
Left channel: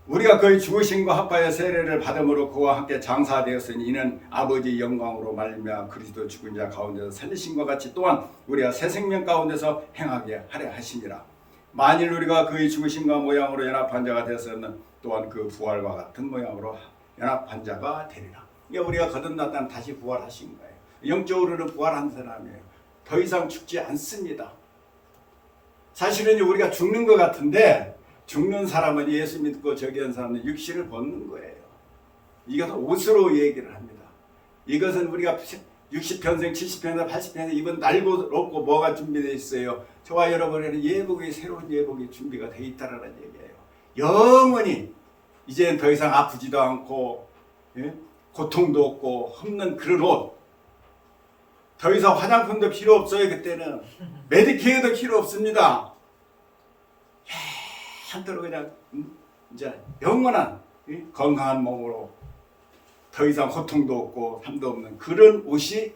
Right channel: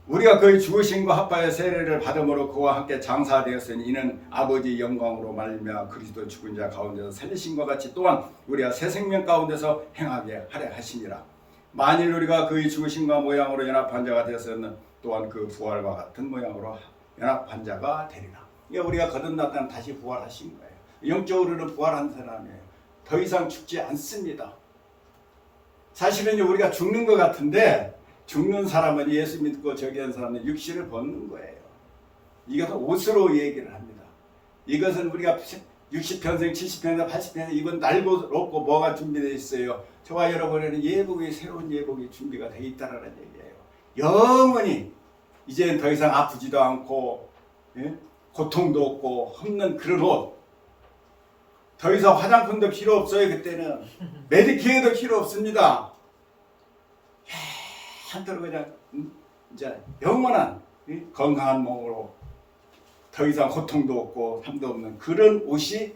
우리가 그의 죽으심과 합하여 세례를 받음으로 그와 함께 장사되었으니 이는 아버지 영광으로 말미암아 그리스도 죽은 자 가운데서 살리심과 같이 또한 우리가 새 생명 가운데서 행하게 하려 하시니라. 만일 우리가 그의 죽으심과 모양으로 연합한 자가 되었으면 또한 그 부활과 같은 모양으로 연합한 자가 되리라. 우리가 거듭났다면 다시 부활하신 거예요. 영적으로는 부활한 사람이에요. 더 이상 죽지 않습니다. 사실은 우리가 죽는 것 같은데 죽는 사람은 예수 믿고 저기 한 사람은 육신을 벗는 거예요. 이것은 옷으로 얘기를 합니다. 이것은 우리가 60평생, 70평생, 80평생 이건 날고 없고 뭐가 준비되어 있어요. 저와 여러분에는 예복이 새로운 예복이 준비가 되어 있다는 얘기예요. 영원히 이제는 더 이상 아프지도 않고 고통도 없고 없는 그런 옷. 더 이상 화장품도 필요 없어요. 그때는 메디케어도 필요 없습니다. 한때로 그냥 이제 영원한 건강한 몸으로 더 이상 고통도 없고 삶도 없는 그런 옷이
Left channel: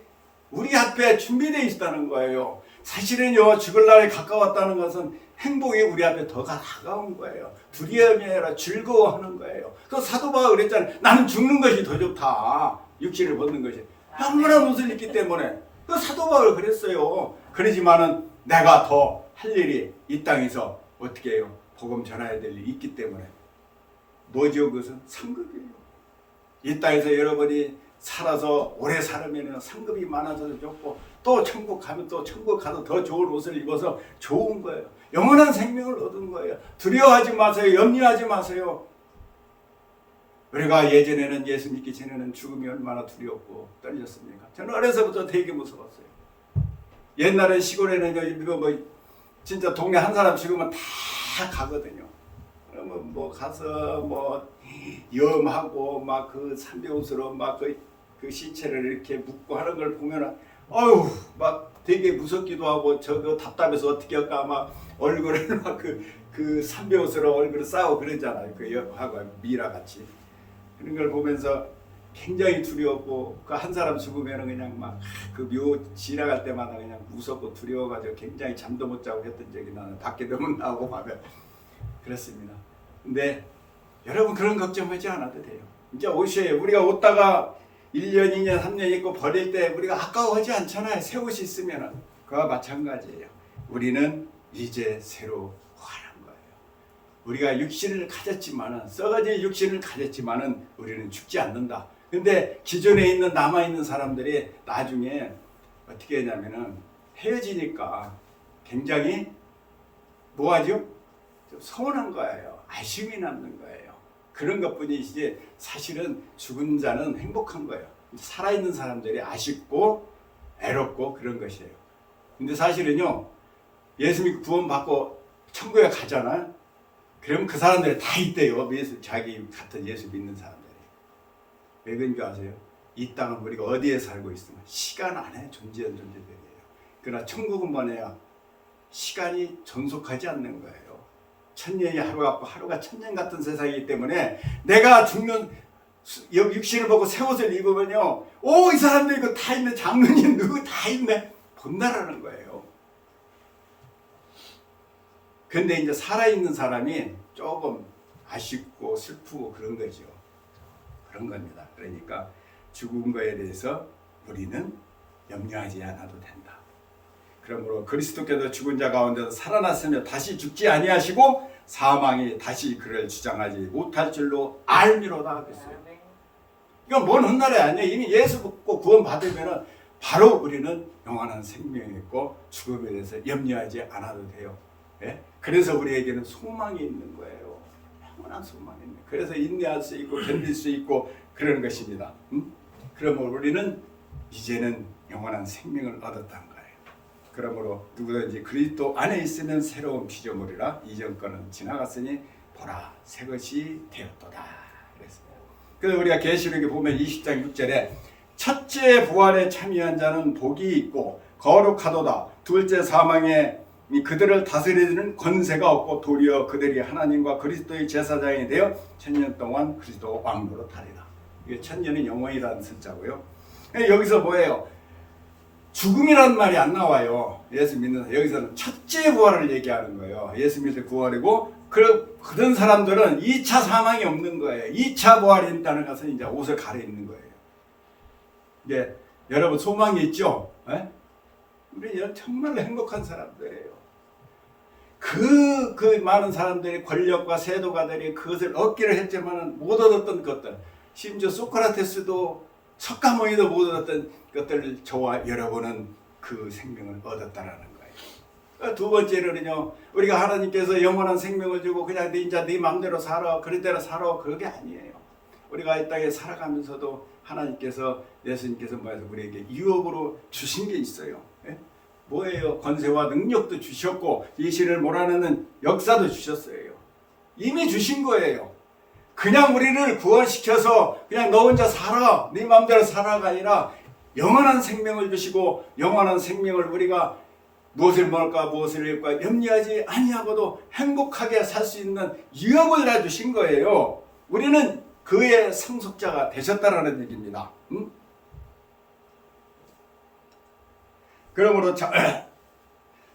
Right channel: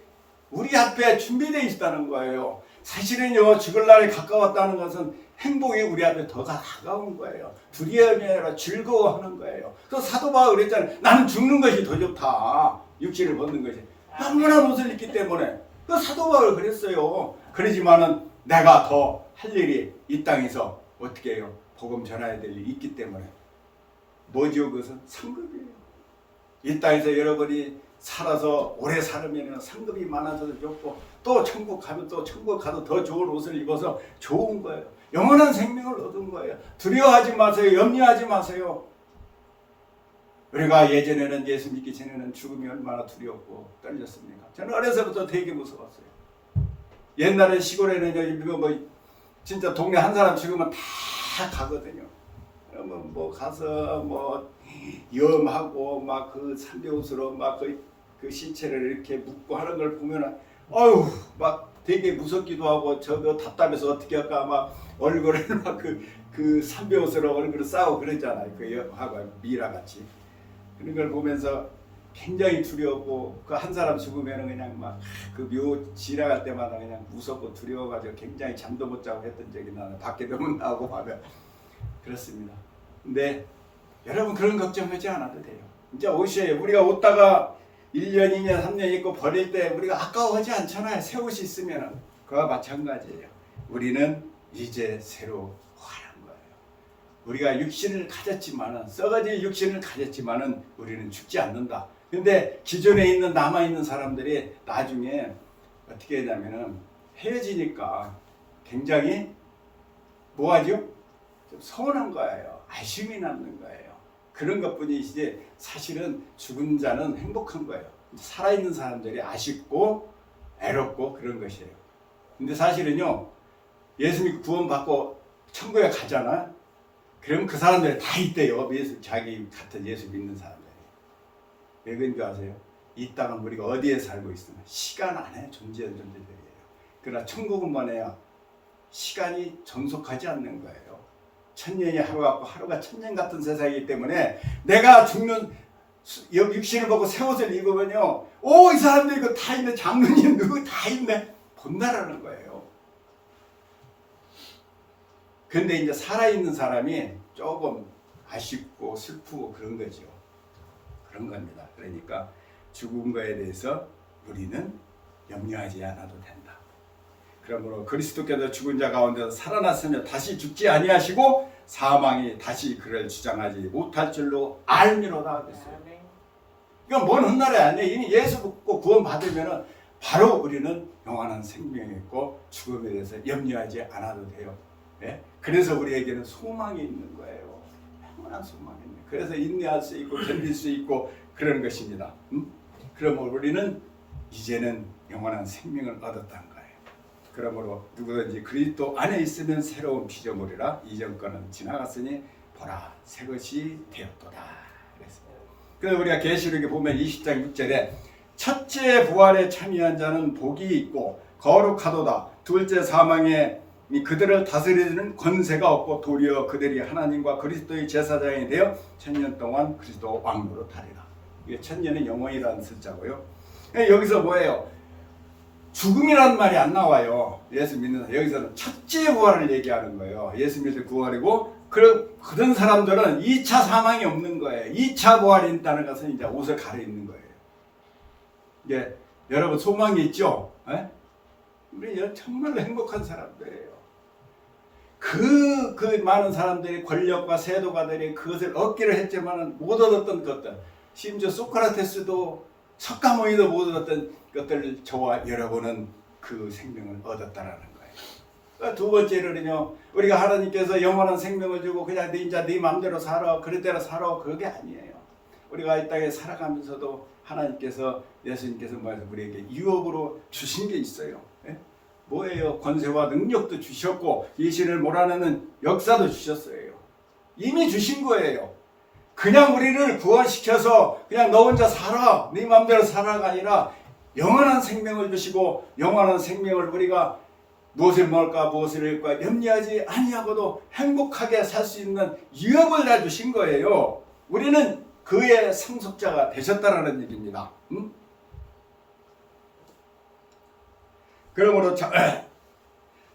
우리 앞에 준비되어 있다는 거예요. 사실은요, 죽을 날에 가까웠다는 것은 행복이 우리 앞에 더 가까운 거예요. 두려움이 아니라 즐거워하는 거예요. 그 사도 바울이 그랬잖아요. 나는 죽는 것이 더 좋다. 육신을 벗는 것이. 영원한 옷을 입기 때문에. 그 사도 바울 그랬어요. 그러지만은 내가 더 할 일이 이 땅에서 어떻게 해요? 복음 전해야 될 일이 있기 때문에. 뭐죠? 그것은 상급이에요. 이 땅에서 여러분이 살아서 오래 살으면 상급이 많아져서 좋고 또 천국 가면 또 천국 가서 더 좋은 옷을 입어서 좋은 거예요. 영원한 생명을 얻은 거예요. 두려워하지 마세요. 염려하지 마세요. 우리가 예전에는 예수 믿기 전에는 죽음이 얼마나 두렵고 떨렸습니까? 저는 어려서부터 되게 무서웠어요. 옛날에 시골에는 뭐 진짜 동네 한 사람 죽으면 다 가거든요. 그러면 뭐 가서 뭐 염하고 막 그 산배옷으로 막 그 시체를 이렇게 묶고 하는 걸 보면은 아유 막 되게 무섭기도 하고 저거 답답해서 어떻게 할까 막 얼굴을 막 그 산배옷으로 얼굴을 싸고 그러잖아요. 그 하고 미라 같이 그런 걸 보면서 굉장히 두려웠고 그 한 사람 죽으면은 그냥 막 그 묘 지나갈 때마다 그냥 무섭고 두려워가지고 굉장히 잠도 못 자고 했던 적이 나는 밖에도 못 나오고 막 그렇습니다. 근데 여러분 그런 걱정하지 않아도 돼요. 이제 옷이에요. 우리가 옷다가 1년, 2년, 3년 입고 버릴 때 우리가 아까워하지 않잖아요. 새 옷이 있으면. 그와 마찬가지예요. 우리는 이제 새로 화난 거예요. 우리가 육신을 가졌지만은 썩어질 육신을 가졌지만은 우리는 죽지 않는다. 근데 기존에 있는 남아있는 사람들이 나중에 어떻게 하냐면은 헤어지니까 굉장히 뭐하죠? 좀 서운한 거예요. 아쉬움이 남는 거예요. 그런 것뿐이지 사실은 죽은 자는 행복한 거예요. 살아있는 사람들이 아쉽고 애롭고 그런 것이에요. 근데 사실은요, 예수 믿고 구원받고 천국에 가잖아요. 그럼 그 사람들이 다 있대요. 자기 같은 예수 믿는 사람들이. 왜 그런 줄 아세요? 이 땅은 우리가 어디에 살고 있으면 시간 안에 존재한 존재들이에요. 그러나 천국은 뭐냐? 시간이 존속하지 않는 거예요. 천년이 하루 같고 하루가 천년 같은 세상이기 때문에 내가 죽는 육신을 보고 새 옷을 입으면요, 오, 이 사람들 이거 다 있네, 장로님 누구 다 있네, 본다라는 거예요. 근데 이제 살아있는 사람이 조금 아쉽고 슬프고 그런 거죠. 그런 겁니다. 그러니까 죽은 거에 대해서 우리는 염려하지 않아도 된다. 그러므로 그리스도께서 죽은 자 가운데서 살아났으며 다시 죽지 아니하시고 사망이 다시 그를 주장하지 못할 줄로 알미로다 그랬어요. 이건 뭔 훗날이 아니에요. 이미 예수 믿고 구원 받으면 바로 우리는 영원한 생명이 있고 죽음에 대해서 염려하지 않아도 돼요. 예? 그래서 우리에게는 소망이 있는 거예요. 영원한 소망이 있는. 그래서 인내할 수 있고 견딜 수 있고 그런 것입니다. 그러므로 우리는 이제는 영원한 생명을 얻었다는 거예요. 그러므로 누구든지 그리스도 안에 있으면 새로운 피조물이라 이전 것은 지나갔으니 보라 새 것이 되었도다 그랬어요. 그래서 우리가 계시록에 보면 20장 6절에 첫째 부활에 참여한 자는 복이 있고 거룩하도다. 둘째 사망에 그들을 다스리는 권세가 없고 도리어 그들이 하나님과 그리스도의 제사장이 되어 천년 동안 그리스도 왕노로 타리라. 이게 천년은 영원이라는 숫자고요. 여기서 뭐예요? 죽음이라는 말이 안 나와요. 예수 믿는 여기서는 첫째 부활을 얘기하는 거예요. 예수 믿을 부활이고 그런 사람들은 2차 사망이 없는 거예요. 2차 부활이 있다는 것은 이제 옷을 갈아입는 거예요. 이게 여러분 소망이 있죠? 에? 우리 정말로 행복한 사람들이에요. 그 많은 사람들이 권력과 세도가들이 그것을 얻기를 했지만 못 얻었던 것들, 심지어 소크라테스도 석가모니도 못 얻었던 것들을 저와 여러분은 그 생명을 얻었다라는 거예요. 두 번째로는요, 우리가 하나님께서 영원한 생명을 주고 그냥 네 마음대로 살아, 그릇대로 살아, 그게 아니에요. 우리가 이 땅에 살아가면서도 하나님께서, 예수님께서 우리에게 유업으로 주신 게 있어요. 예? 뭐예요? 권세와 능력도 주셨고 이신을 몰아내는 역사도 주셨어요. 이미 주신 거예요. 그냥 우리를 구원시켜서 그냥 너 혼자 살아, 네 마음대로 살아가 아니라 영원한 생명을 주시고 영원한 생명을 우리가 무엇을 먹을까 무엇을 입을까 염려하지 아니하고도 행복하게 살 수 있는 유업을 다 주신 거예요. 우리는 그의 상속자가 되셨다라는 얘기입니다. 그러므로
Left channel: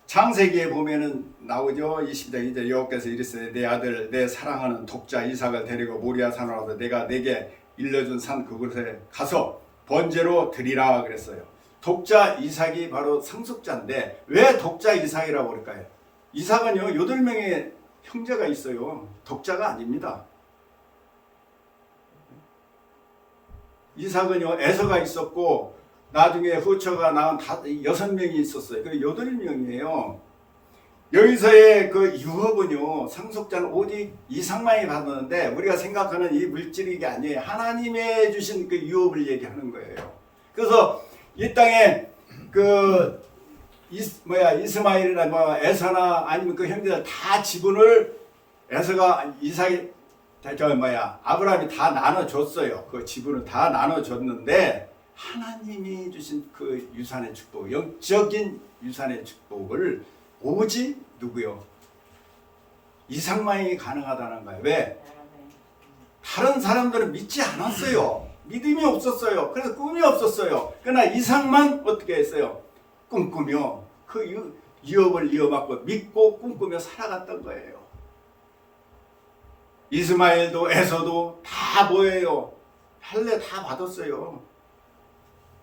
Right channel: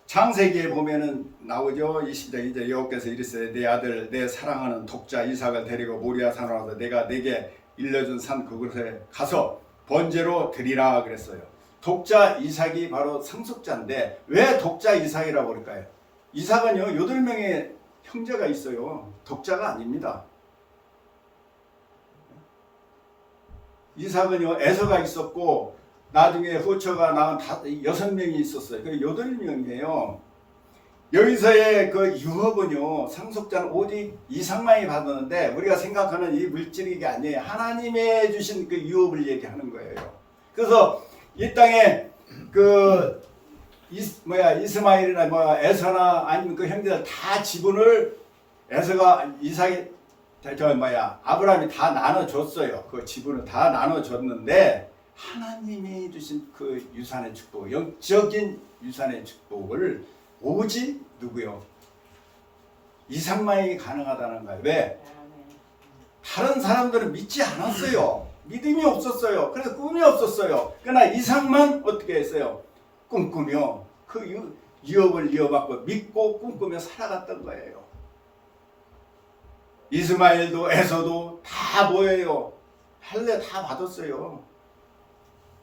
창세기에 보면은 나오죠. 20장 2절 여호와께서 이르시되 내 아들 내 사랑하는 독자 이삭을 데리고 모리아 산으로 와서 내가 내게 일러준 산 그곳에 가서 번제로 드리라 그랬어요. 독자 이삭이 바로 상속자인데 왜 독자 이삭이라고 그럴까요? 이삭은요 8명의 형제가 있어요. 독자가 아닙니다. 이삭은요 에서가 있었고 나중에 후처가 낳은 6명이 있었어요. 그 8명이에요. 여기서의 그 유업은요, 상속자는 오직 이삭만이 받았는데 우리가 생각하는 이 물질이 게 아니에요. 하나님의 주신 그 유업을 얘기하는 거예요. 그래서 이 땅에 그 이스마엘이나 에서나 아니면 그 형제들 다 지분을 에서가 아브라함이 다 나눠줬어요. 그 지분을 다 나눠줬는데 하나님이 주신 그 유산의 축복, 영적인 유산의 축복을 오직 누구요? 이삭만이 가능하다는 거예요. 왜? 다른 사람들은 믿지 않았어요. 믿음이 없었어요. 그래서 꿈이 없었어요. 그러나 이삭만 어떻게 했어요? 꿈꾸며 그 유업을 이어받고 믿고 꿈꾸며 살아갔던 거예요. 이스마엘도 에서도 다 뭐예요? 할례 다 받았어요.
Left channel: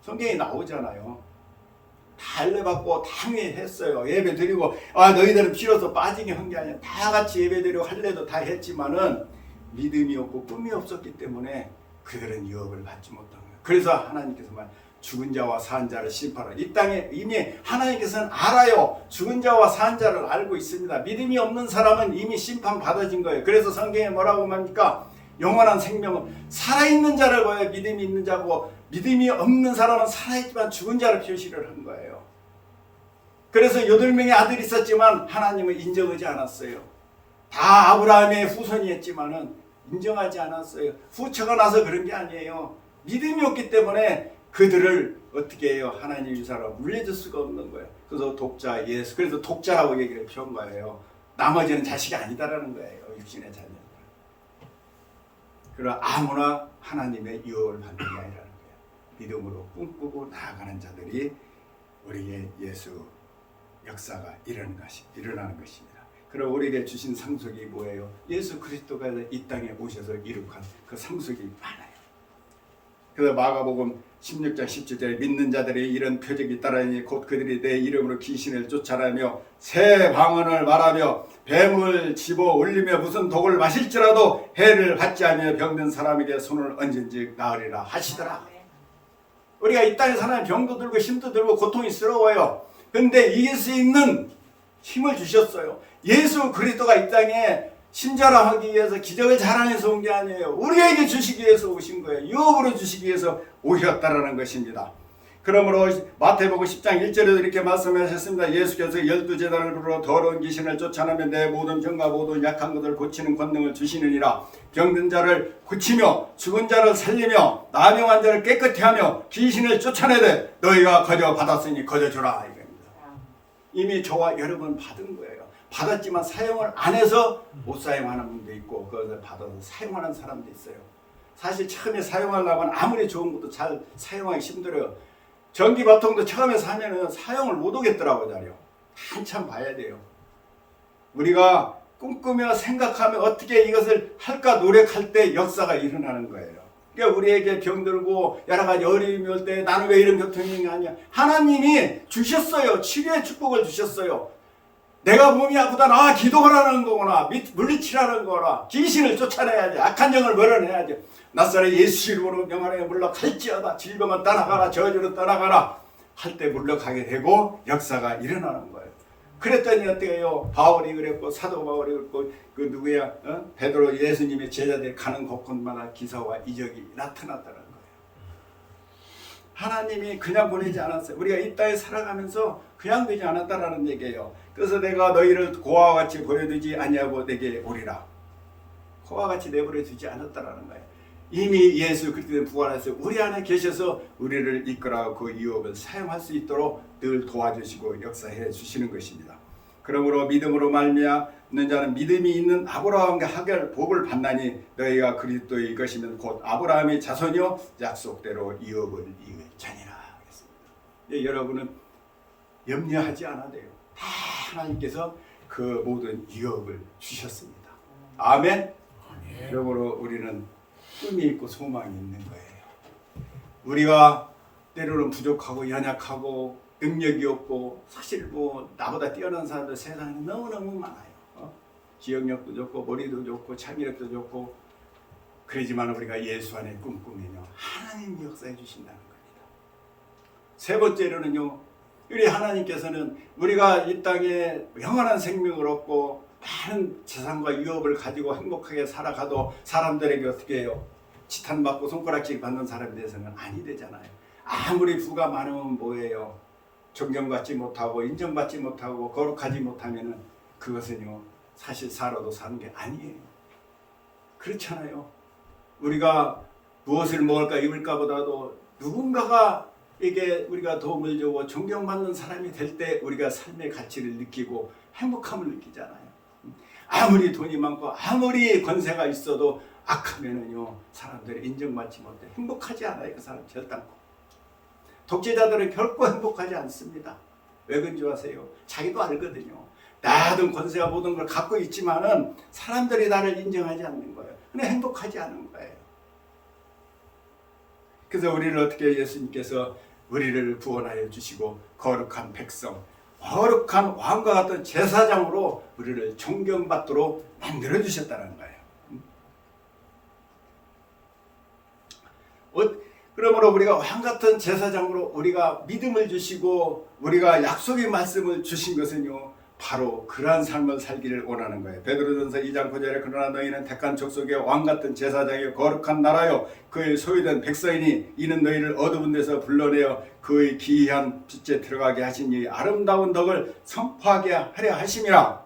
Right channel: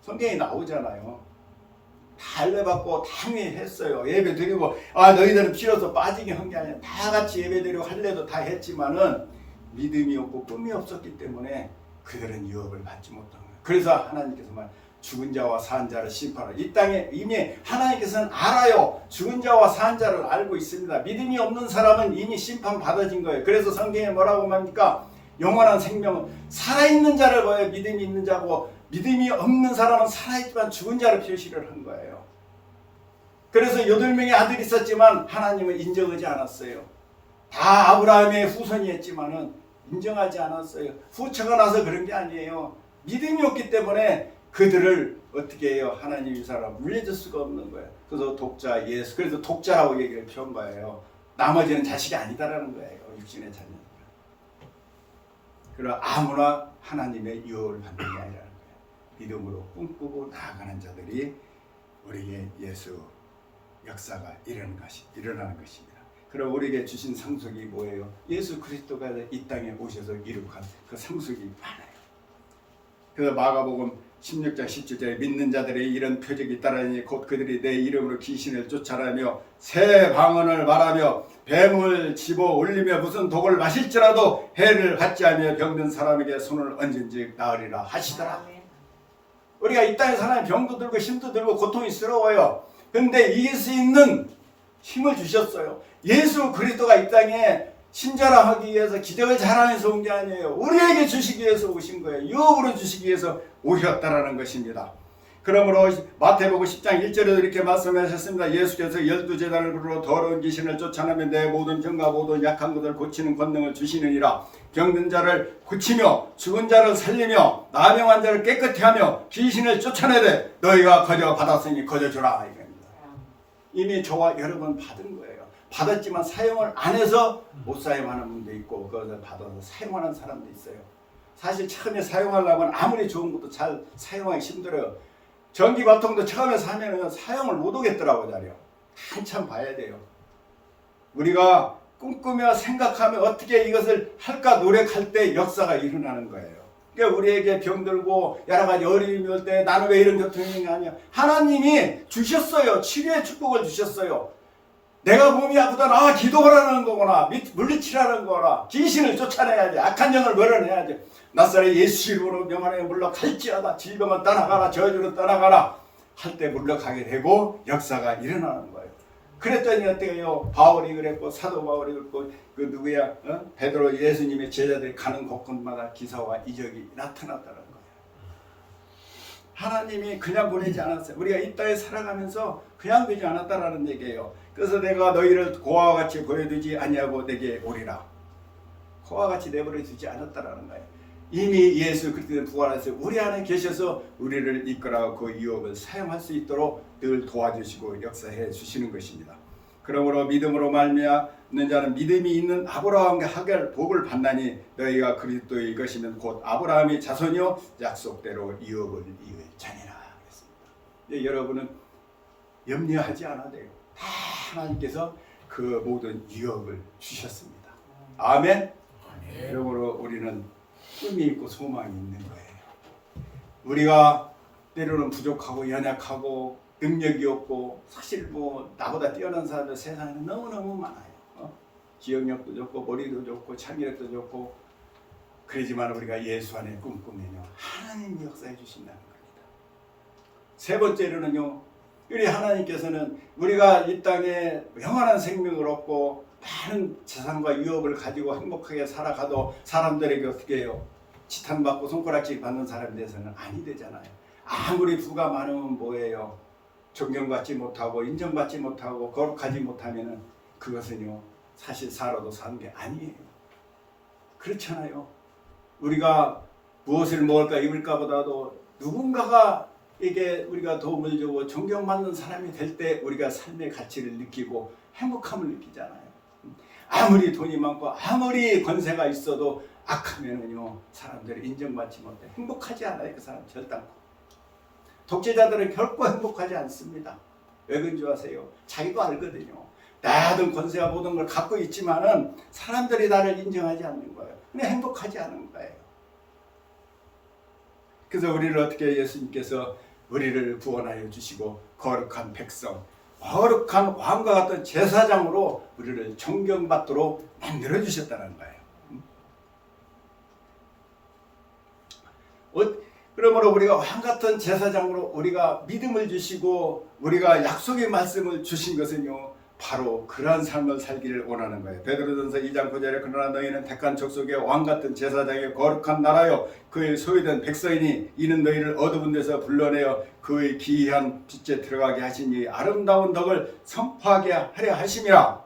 성경에 나오잖아요. 다 할례 받고 당연히 했어요. 예배 드리고 너희들은 비로소 빠지게 한 게 아니라 다 같이 예배 드리고 할례도 다 했지만은 믿음이 없고 꿈이 없었기 때문에 그들은 유업을 받지 못한 거예요. 그래서 하나님께서 죽은 자와 산 자를 심판하라. 이 땅에 이미 하나님께서는 알아요. 죽은 자와 산 자를 알고 있습니다. 믿음이 없는 사람은 이미 심판 받아진 거예요. 그래서 성경에 뭐라고 말합니까? 영원한 생명은 살아있는 자를 봐요. 믿음이 있는 자고 믿음이 없는 사람은 살아있지만 죽은 자를 표시를 한 거예요. 그래서 8명의 아들이 있었지만 하나님은 인정하지 않았어요. 다 아브라함의 후손이 했지만은 인정하지 않았어요. 후처가 나서 그런 게 아니에요. 믿음이 없기 때문에 그들을 어떻게 해요? 하나님 유산으로 물려줄 수가 없는 거예요. 그래서 독자 예수, 그래서 독자라고 얘기를 펴온 거예요. 나머지는 자식이 아니다라는 거예요. 육신의 자녀들. 그러나 아무나 하나님의 유업을 받는 게 아니라는 거예요. 믿음으로 꿈꾸고 나아가는 자들이 우리의 예수 역사가 일어나는 것입니다. 그럼 우리에게 주신 상속이 뭐예요? 예수 그리스도가 이 땅에 오셔서 이룩한 그 상속이 많아요. 그래서 마가복음 16장 17절에 믿는 자들이 이런 표적이 따르니 곧 그들이 내 이름으로 귀신을 쫓아내며 새 방언을 말하며 뱀을 집어 올리며 무슨 독을 마실지라도 해를 받지 않으며 병든 사람에게 손을 얹은즉 나으리라 하시더라. 우리가 이 땅에 사람이 병도 들고 힘도 들고 고통스러워요. 근데 이길 수 있는 힘을 주셨어요. 예수 그리스도가 이 땅에 신자라하기 위해서 기적을 자라내서 온 게 아니에요. 우리에게 주시기 위해서 오신 거예요. 유업으로 주시기 위해서 오셨다라는 것입니다. 그러므로 마태복음 10장 1절에도 이렇게 말씀하셨습니다. 예수께서 12제자를 부르러 더러운 귀신을 쫓아내며 내 모든 병과 모든 약한 것을 고치는 권능을 주시느니라. 병든 자를 고치며 죽은 자를 살리며 나병한 자를 깨끗이 하며 귀신을 쫓아내되 너희가 거저 받았으니 거저 주라 이겁니다. 이미 저와 여러분 받은 거예요. 받았지만 사용을 안 해서 못 사용하는 분도 있고 그것을 받아서 사용하는 사람도 있어요. 사실 처음에 사용하려고 하면 아무리 좋은 것도 잘 사용하기 힘들어요. 전기바통도 처음에 사면은 사용을 못 하겠더라고요. 자료. 한참 봐야 돼요. 우리가 꿈꾸며 생각하며 어떻게 이것을 할까 노력할 때 역사가 일어나는 거예요. 그러니까 우리에게 병들고 여러 가지 어려움이 올 때 나는 왜 이런 고통이 아니야. 하나님이 주셨어요. 치료의 축복을 주셨어요. 내가 몸이 아프다. 기도하라는 거구나. 물리치라는 거구나. 귀신을 쫓아내야지. 악한 영을 몰아내야지. 낫사렛 예수 이름으로 명하여 물러갈지어다. 질병은 떠나가라. 저주는 떠나가라. 할 때 물러가게 되고 역사가 일어나는 거예요. 그랬더니 어때요? 바울이 그랬고 사도 바울이 그랬고 그 누구야? 베드로 예수님의 제자들이 가는 곳곳마다 기사와 이적이 나타났다는 거예요. 하나님이 그냥 보내지 않았어요. 우리가 이 땅에 살아가면서 그냥 되지 않았다라는 얘기예요. 그래서 내가 너희를 고아와 같이 보여두지 아니하고 내게 오리라. 고아와 같이 내버려 두지 않았다라는 거예요. 이미 예수 그리스도는 부활하셔서 우리 안에 계셔서 우리를 이끌어 그 유업을 사용할 수 있도록 늘 도와주시고 역사해 주시는 것입니다. 그러므로 믿음으로 말미암는 자는 믿음이 있는 아브라함과 하갈 복을 받나니 너희가 그리스도의 것이면 곧 아브라함의 자손이요 약속대로 유업을 이을 자니라 하겠습니다. 예, 여러분은 염려하지 않아도 돼요. 다 하나님께서 그 모든 유업을 주셨습니다. 아멘. 그러므로 우리는 꿈이 있고 소망이 있는 거예요. 우리가 때로는 부족하고 연약하고 능력이 없고 사실 뭐 나보다 뛰어난 사람들 세상에 너무너무 많아요. 기억력도 좋고 머리도 좋고 창의력도 좋고 그러지만 우리가 예수 안에 꿈꾸면요 하나님이 역사해 주신다는 겁니다. 세 번째로는요 우리 하나님께서는 우리가 이 땅에 영원한 생명을 얻고 많은 재산과 유업을 가지고 행복하게 살아가도 사람들에게 어떻게 해요? 지탄받고 손가락질 받는 사람에 대해서는 아니 되잖아요. 아무리 부가 많으면 뭐예요? 존경받지 못하고 인정받지 못하고 거룩하지 못하면은 그것은요 사실 살아도 사는 게 아니에요. 그렇잖아요. 우리가 무엇을 먹을까 입을까 보다도 누군가가 에게 우리가 도움을 주고 존경받는 사람이 될 때 우리가 삶의 가치를 느끼고 행복함을 느끼잖아요. 아무리 돈이 많고 아무리 권세가 있어도 악하면은요 사람들이 인정받지 못해 행복하지 않아요. 그 사람 결단코. 독재자들은 결코 행복하지 않습니다. 왜 그런 줄 아세요? 자기도 알거든요. 나든 권세가 모든 걸 갖고 있지만은 사람들이 나를 인정하지 않는 거예요. 근데 행복하지 않은 거예요. 그래서 우리를 어떻게 예수님께서 우리를 구원하여 주시고 거룩한 백성, 거룩한 왕과 같은 제사장으로 우리를 존경받도록 만들어 주셨다는 거예요. 그러므로 우리가 왕 같은 제사장으로 우리가 믿음을 주시고 우리가 약속의 말씀을 주신 것은요 바로 그러한 삶을 살기를 원하는 거예요. 베드로전서 2장 9절에 그러나 너희는 택한 족속의 왕 같은 제사장의 거룩한 나라요 그의 소유된 백성이니 이는 너희를 어두운 데서 불러내어 그의 기이한 빛에 들어가게 하시니 아름다운 덕을 선포하게 하려 하심이라.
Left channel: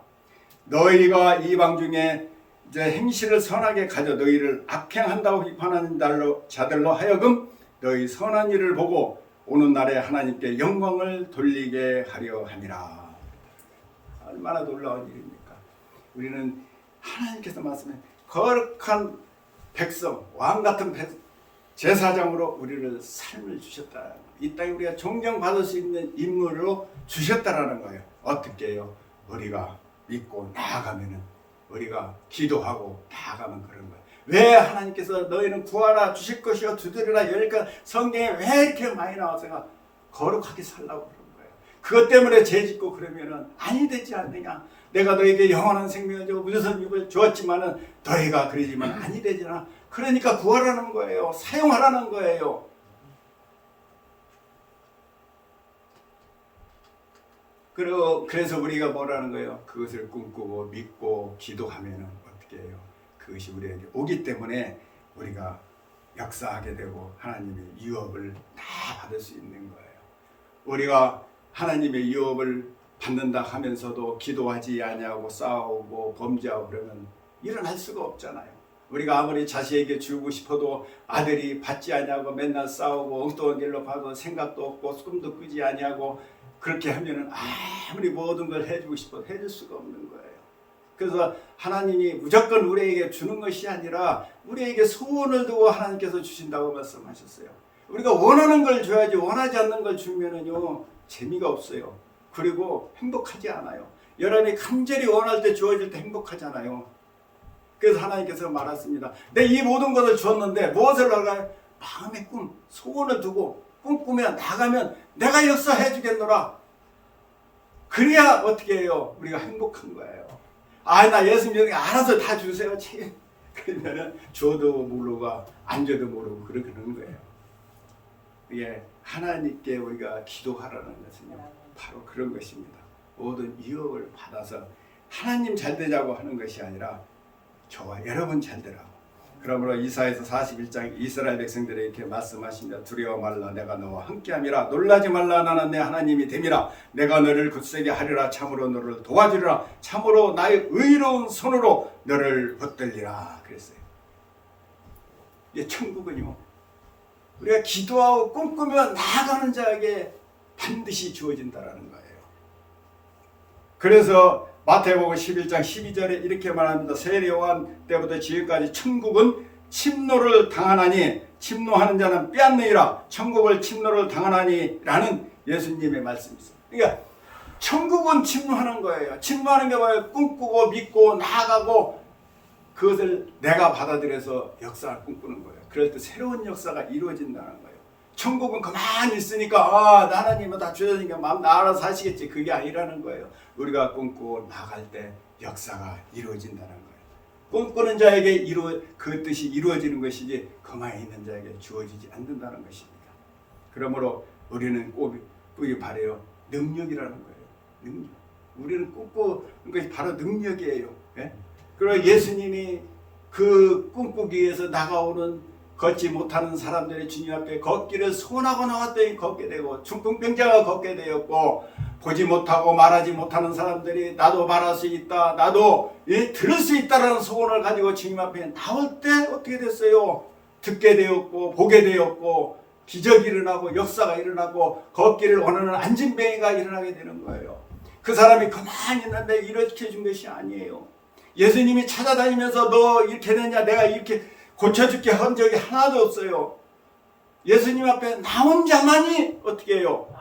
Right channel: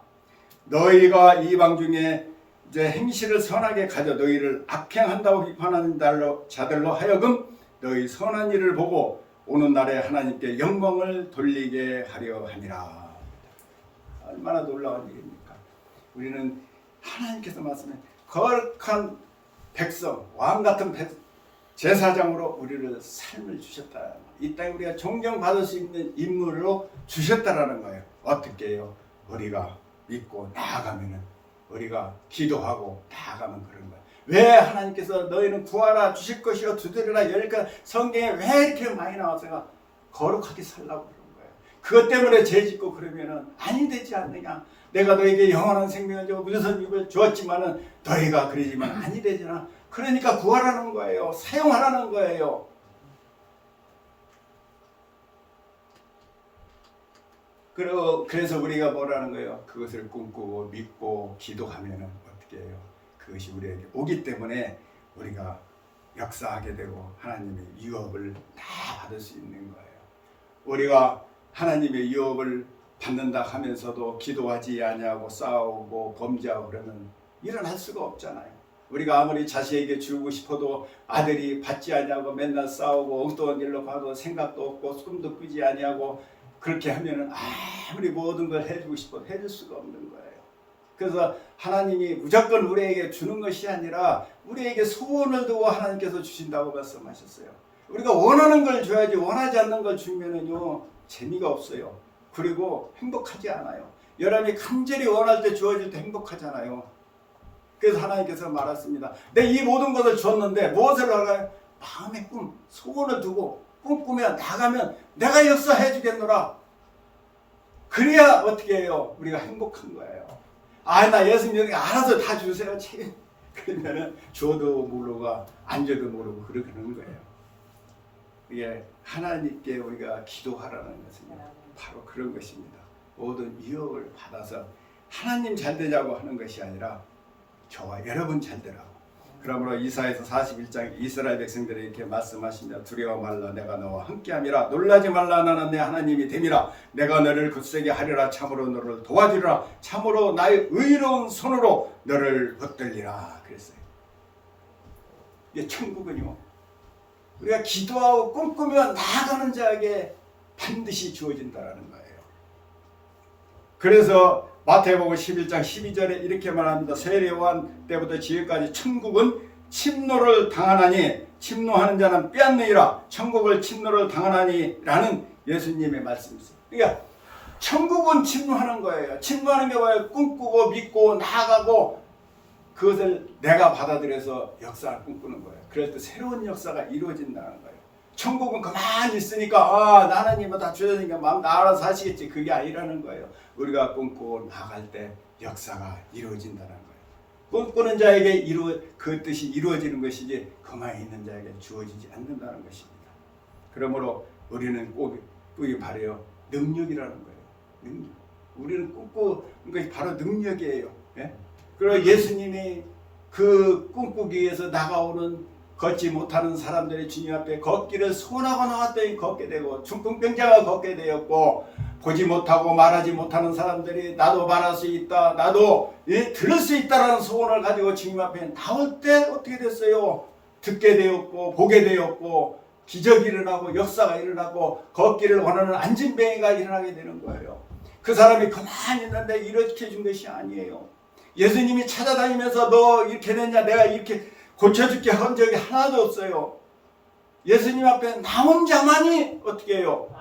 너희가 이방 중에 이제 행실을 선하게 가져 너희를 악행한다고 비판하는 자들로 하여금 너희 선한 일을 보고 오는 날에 하나님께 영광을 돌리게 하려 함이라. 얼마나 놀라운 일입니까? 우리는 하나님께서 말씀해 거룩한 백성, 왕 같은 제사장으로 우리를 삶을 주셨다. 이 땅에 우리가 존경받을 수 있는 인물로 주셨다라는 거예요. 어떻게 해요? 우리가 믿고 나아가면은 우리가 기도하고 나아가면 그런 거예요. 왜 하나님께서 너희는 구하라 주실 것이요 두드리라 열까 성경에 왜 이렇게 많이 나와서 거룩하게 살라고 그런 거예요. 그것 때문에 죄짓고 그러면은 아니 되지 않느냐. 내가 너에게 영원한 생명을 주고 무슨 입을 주었지만은 너희가 그러지만 아니 되지나. 그러니까 구하라는 거예요. 사용하라는 거예요. 그래서 우리가 뭐라는 거예요? 그것을 꿈꾸고 믿고 기도하면은 어떻게 해요? 그것이 우리에게 오기 때문에 우리가 역사하게 되고 하나님의 유업을 다 받을 수 있는 거예요. 우리가 하나님의 유업을 받는다 하면서도 기도하지 아니하고 싸우고 범죄하고 그러면 일어날 수가 없잖아요. 우리가 아무리 자식에게 주고 싶어도 아들이 받지 아니하고 맨날 싸우고 엉뚱한 길로 가도 생각도 없고 꿈도 꾸지 아니하고 그렇게 하면은 아무리 모든 걸 해주고 싶어도 해줄 수가 없는 거예요. 그래서 하나님이 무조건 우리에게 주는 것이 아니라 우리에게 소원을 두고 하나님께서 주신다고 말씀하셨어요. 우리가 원하는 걸 줘야지 원하지 않는 걸 주면은요 재미가 없어요. 그리고 행복하지 않아요. 여러분이 간절히 원할 때 주어질 때 행복하잖아요. 그래서 하나님께서 말했습니다. 내 이 모든 것을 줬는데 무엇을 할까요? 마음의 꿈, 소원을 두고 꿈꾸며 나가면 내가 역사해 주겠노라. 그래야 어떻게 해요? 우리가 행복한 거예요. 나 예수님 알아서 다 주세요. 그러면은 줘도 모르고 안 줘도 모르고 그러는 거예요. 이게 하나님께 우리가 기도하라는 것은요 바로 그런 것입니다. 모든 유혹을 받아서 하나님 잘 되자고 하는 것이 아니라 저와 여러분 잘 되라고. 그러므로 이사야서 41장 이스라엘 백성들에게 이렇게 말씀하십니다. 두려워 말라 내가 너와 함께함이라. 놀라지 말라 나는 내 하나님이 됨이라. 내가 너를 굳세게 하리라. 참으로 너를 도와주리라. 참으로 나의 의로운 손으로 너를 붙들리라. 그랬어요. 이게 천국은요 우리가 기도하고 꿈꾸며 나아가는 자에게 반드시 주어진다라는 거예요. 그래서 마태복음 11장 12절에 이렇게 말합니다. 세례요한 때부터 지금까지 천국은 침노를 당하나니 침노하는 자는 빼앗느니라. 천국을 침노를 당하나니 라는 예수님의 말씀이었어요. 그러니까 천국은 침노하는 거예요. 침노하는 게 뭐예요? 꿈꾸고 믿고 나아가고 그것을 내가 받아들여서 역사를 꿈꾸는 거예요. 그럴 때 새로운 역사가 이루어진다는 거예요. 천국은 가만히 있으니까 하나님은 다 주셨으니까 마음 알아서 하시겠지. 그게 아니라는 거예요. 우리가 꿈꾸고 나갈 때 역사가 이루어진다는 거예요. 꿈꾸는 자에게 그 뜻이 이루어지는 것이지 가만히 있는 자에게 주어지지 않는다는 것입니다. 그러므로 우리는 꼭 바래요. 능력이라는 거예요. 능력. 우리는 꿈꾸는 것이 바로 능력이에요. 예? 그리고 예수님이 그 꿈꾸기 위해서 나가오는 걷지 못하는 사람들이 주님 앞에 걷기를 소원하고 나왔더니 걷게 되고 중풍병자가 걷게 되었고 보지 못하고 말하지 못하는 사람들이 나도 말할 수 있다. 나도 들을 수 있다라는 소원을 가지고 주님 앞에 나올 때 어떻게 됐어요? 듣게 되었고 보게 되었고 기적이 일어나고 역사가 일어나고 걷기를 원하는 안진뱅이가 일어나게 되는 거예요. 그 사람이 가만히 있는데 이렇게 준 것이 아니에요. 예수님이 찾아다니면서 너 이렇게 됐냐 내가 이렇게 고쳐줄게 한 적이 하나도 없어요. 예수님 앞에 나온 자만이 어떻게 해요?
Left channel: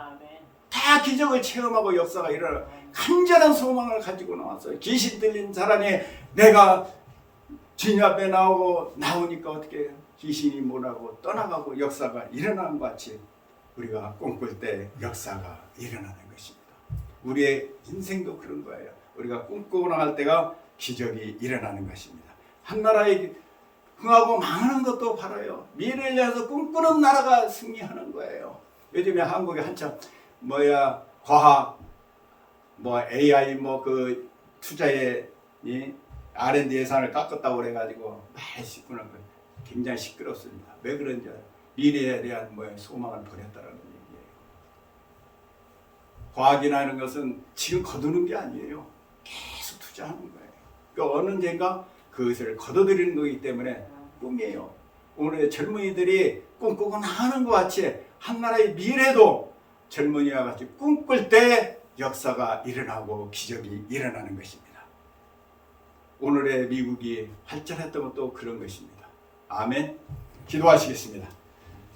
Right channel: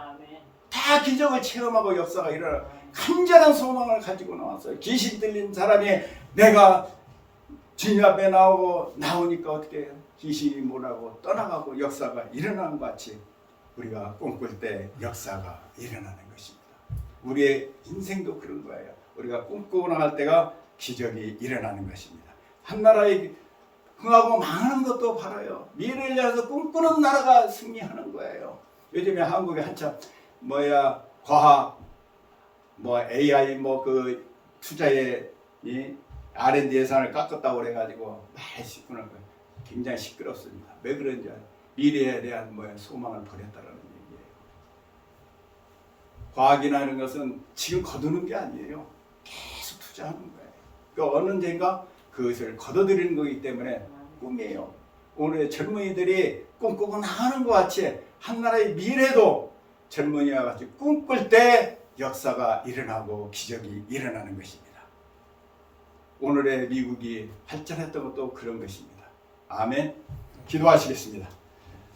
다 기적을 체험하고 역사가 일어나요. 간절한 소망을 가지고 나왔어요. 귀신 들린 사람이 내가 주님 앞에 나오니까 어떻게 해요? 귀신이 뭐라고 떠나가고 역사가 일어나는 것 같이 우리가 꿈꿀 때 역사가 일어나는 것입니다. 우리의 인생도 그런 거예요. 우리가 꿈꾸고 나갈 때가 기적이 일어나는 것입니다. 한 나라의 흥하고 망하는 것도 바라요. 미래를 위해서 꿈꾸는 나라가 승리하는 거예요. 요즘에 한국에 한참 과학, AI 그 투자에 R&D 예산을 깎았다고 그래가지고 많이 시끄러운 거예요. 굉장히 시끄럽습니다. 왜 그런지 미래에 대한 소망을 버렸다라는 얘기예요. 과학이나 이런 것은 지금 거두는 게 아니에요. 계속 투자하는 거예요. 그러니까 어느 데인가 그것을 거둬들이는 거기 때문에 꿈이에요. 오늘의 젊은이들이 꿈꾸고 나가는 것 같이 한 나라의 미래도 젊은이와 같이 꿈꿀 때 역사가 일어나고 기적이 일어나는 것입니다. 오늘의 미국이 발전했던 것도 그런 것입니다. 아멘. 기도하시겠습니다.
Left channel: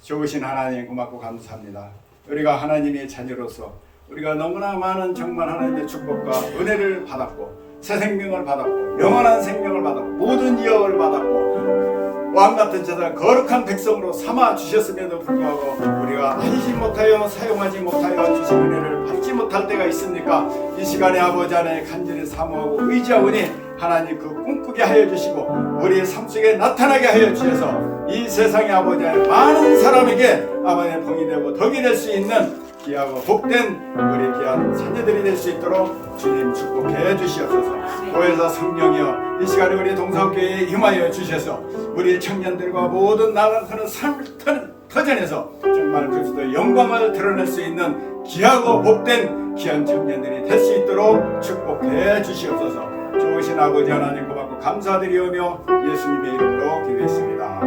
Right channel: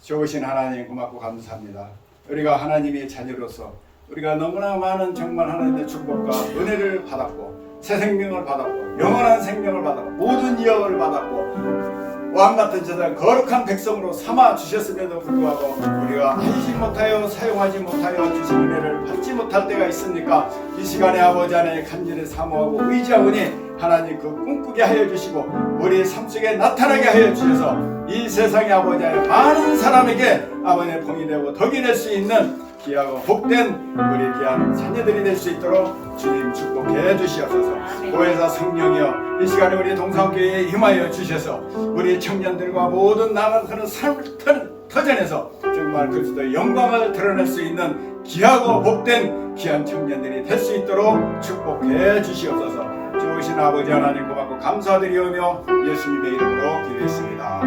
좋으신 하나님 고맙고 감사합니다. 우리가 하나님의 자녀로서 우리가 너무나 많은 정말 하나님의 축복과 은혜를 받았고 새 생명을 받았고 영원한 생명을 받았고 모든 유업을 받았고 왕같은 자들 거룩한 백성으로 삼아 주셨음에도 불구하고 우리가 알지 못하여 사용하지 못하여 주신 은혜를 받지 못할 때가 있습니까? 이 시간에 아버지 안에 간절히 사모하고 의지하오니 하나님 그 꿈꾸게 하여 주시고 우리의 삶 속에 나타나게 하여 주셔서 이 세상의 아버지 안에 많은 사람에게 아버지의 봉이 되고 덕이 될 수 있는 귀하고 복된 우리 귀한 자녀들이 될 수 있도록 주님 축복해 주시옵소서. 보혜사 성령이여 이 시간에 우리 동산교회에 임하여 주셔서 우리 청년들과 모든 나가는 삶 터전에서 정말 그리스도의 영광을 드러낼 수 있는 귀하고 복된 귀한 청년들이 될 수 있도록 축복해 주시옵소서. 좋으신 아버지 하나님 고맙고 감사드리오며 예수님의 이름으로 기도했습니다.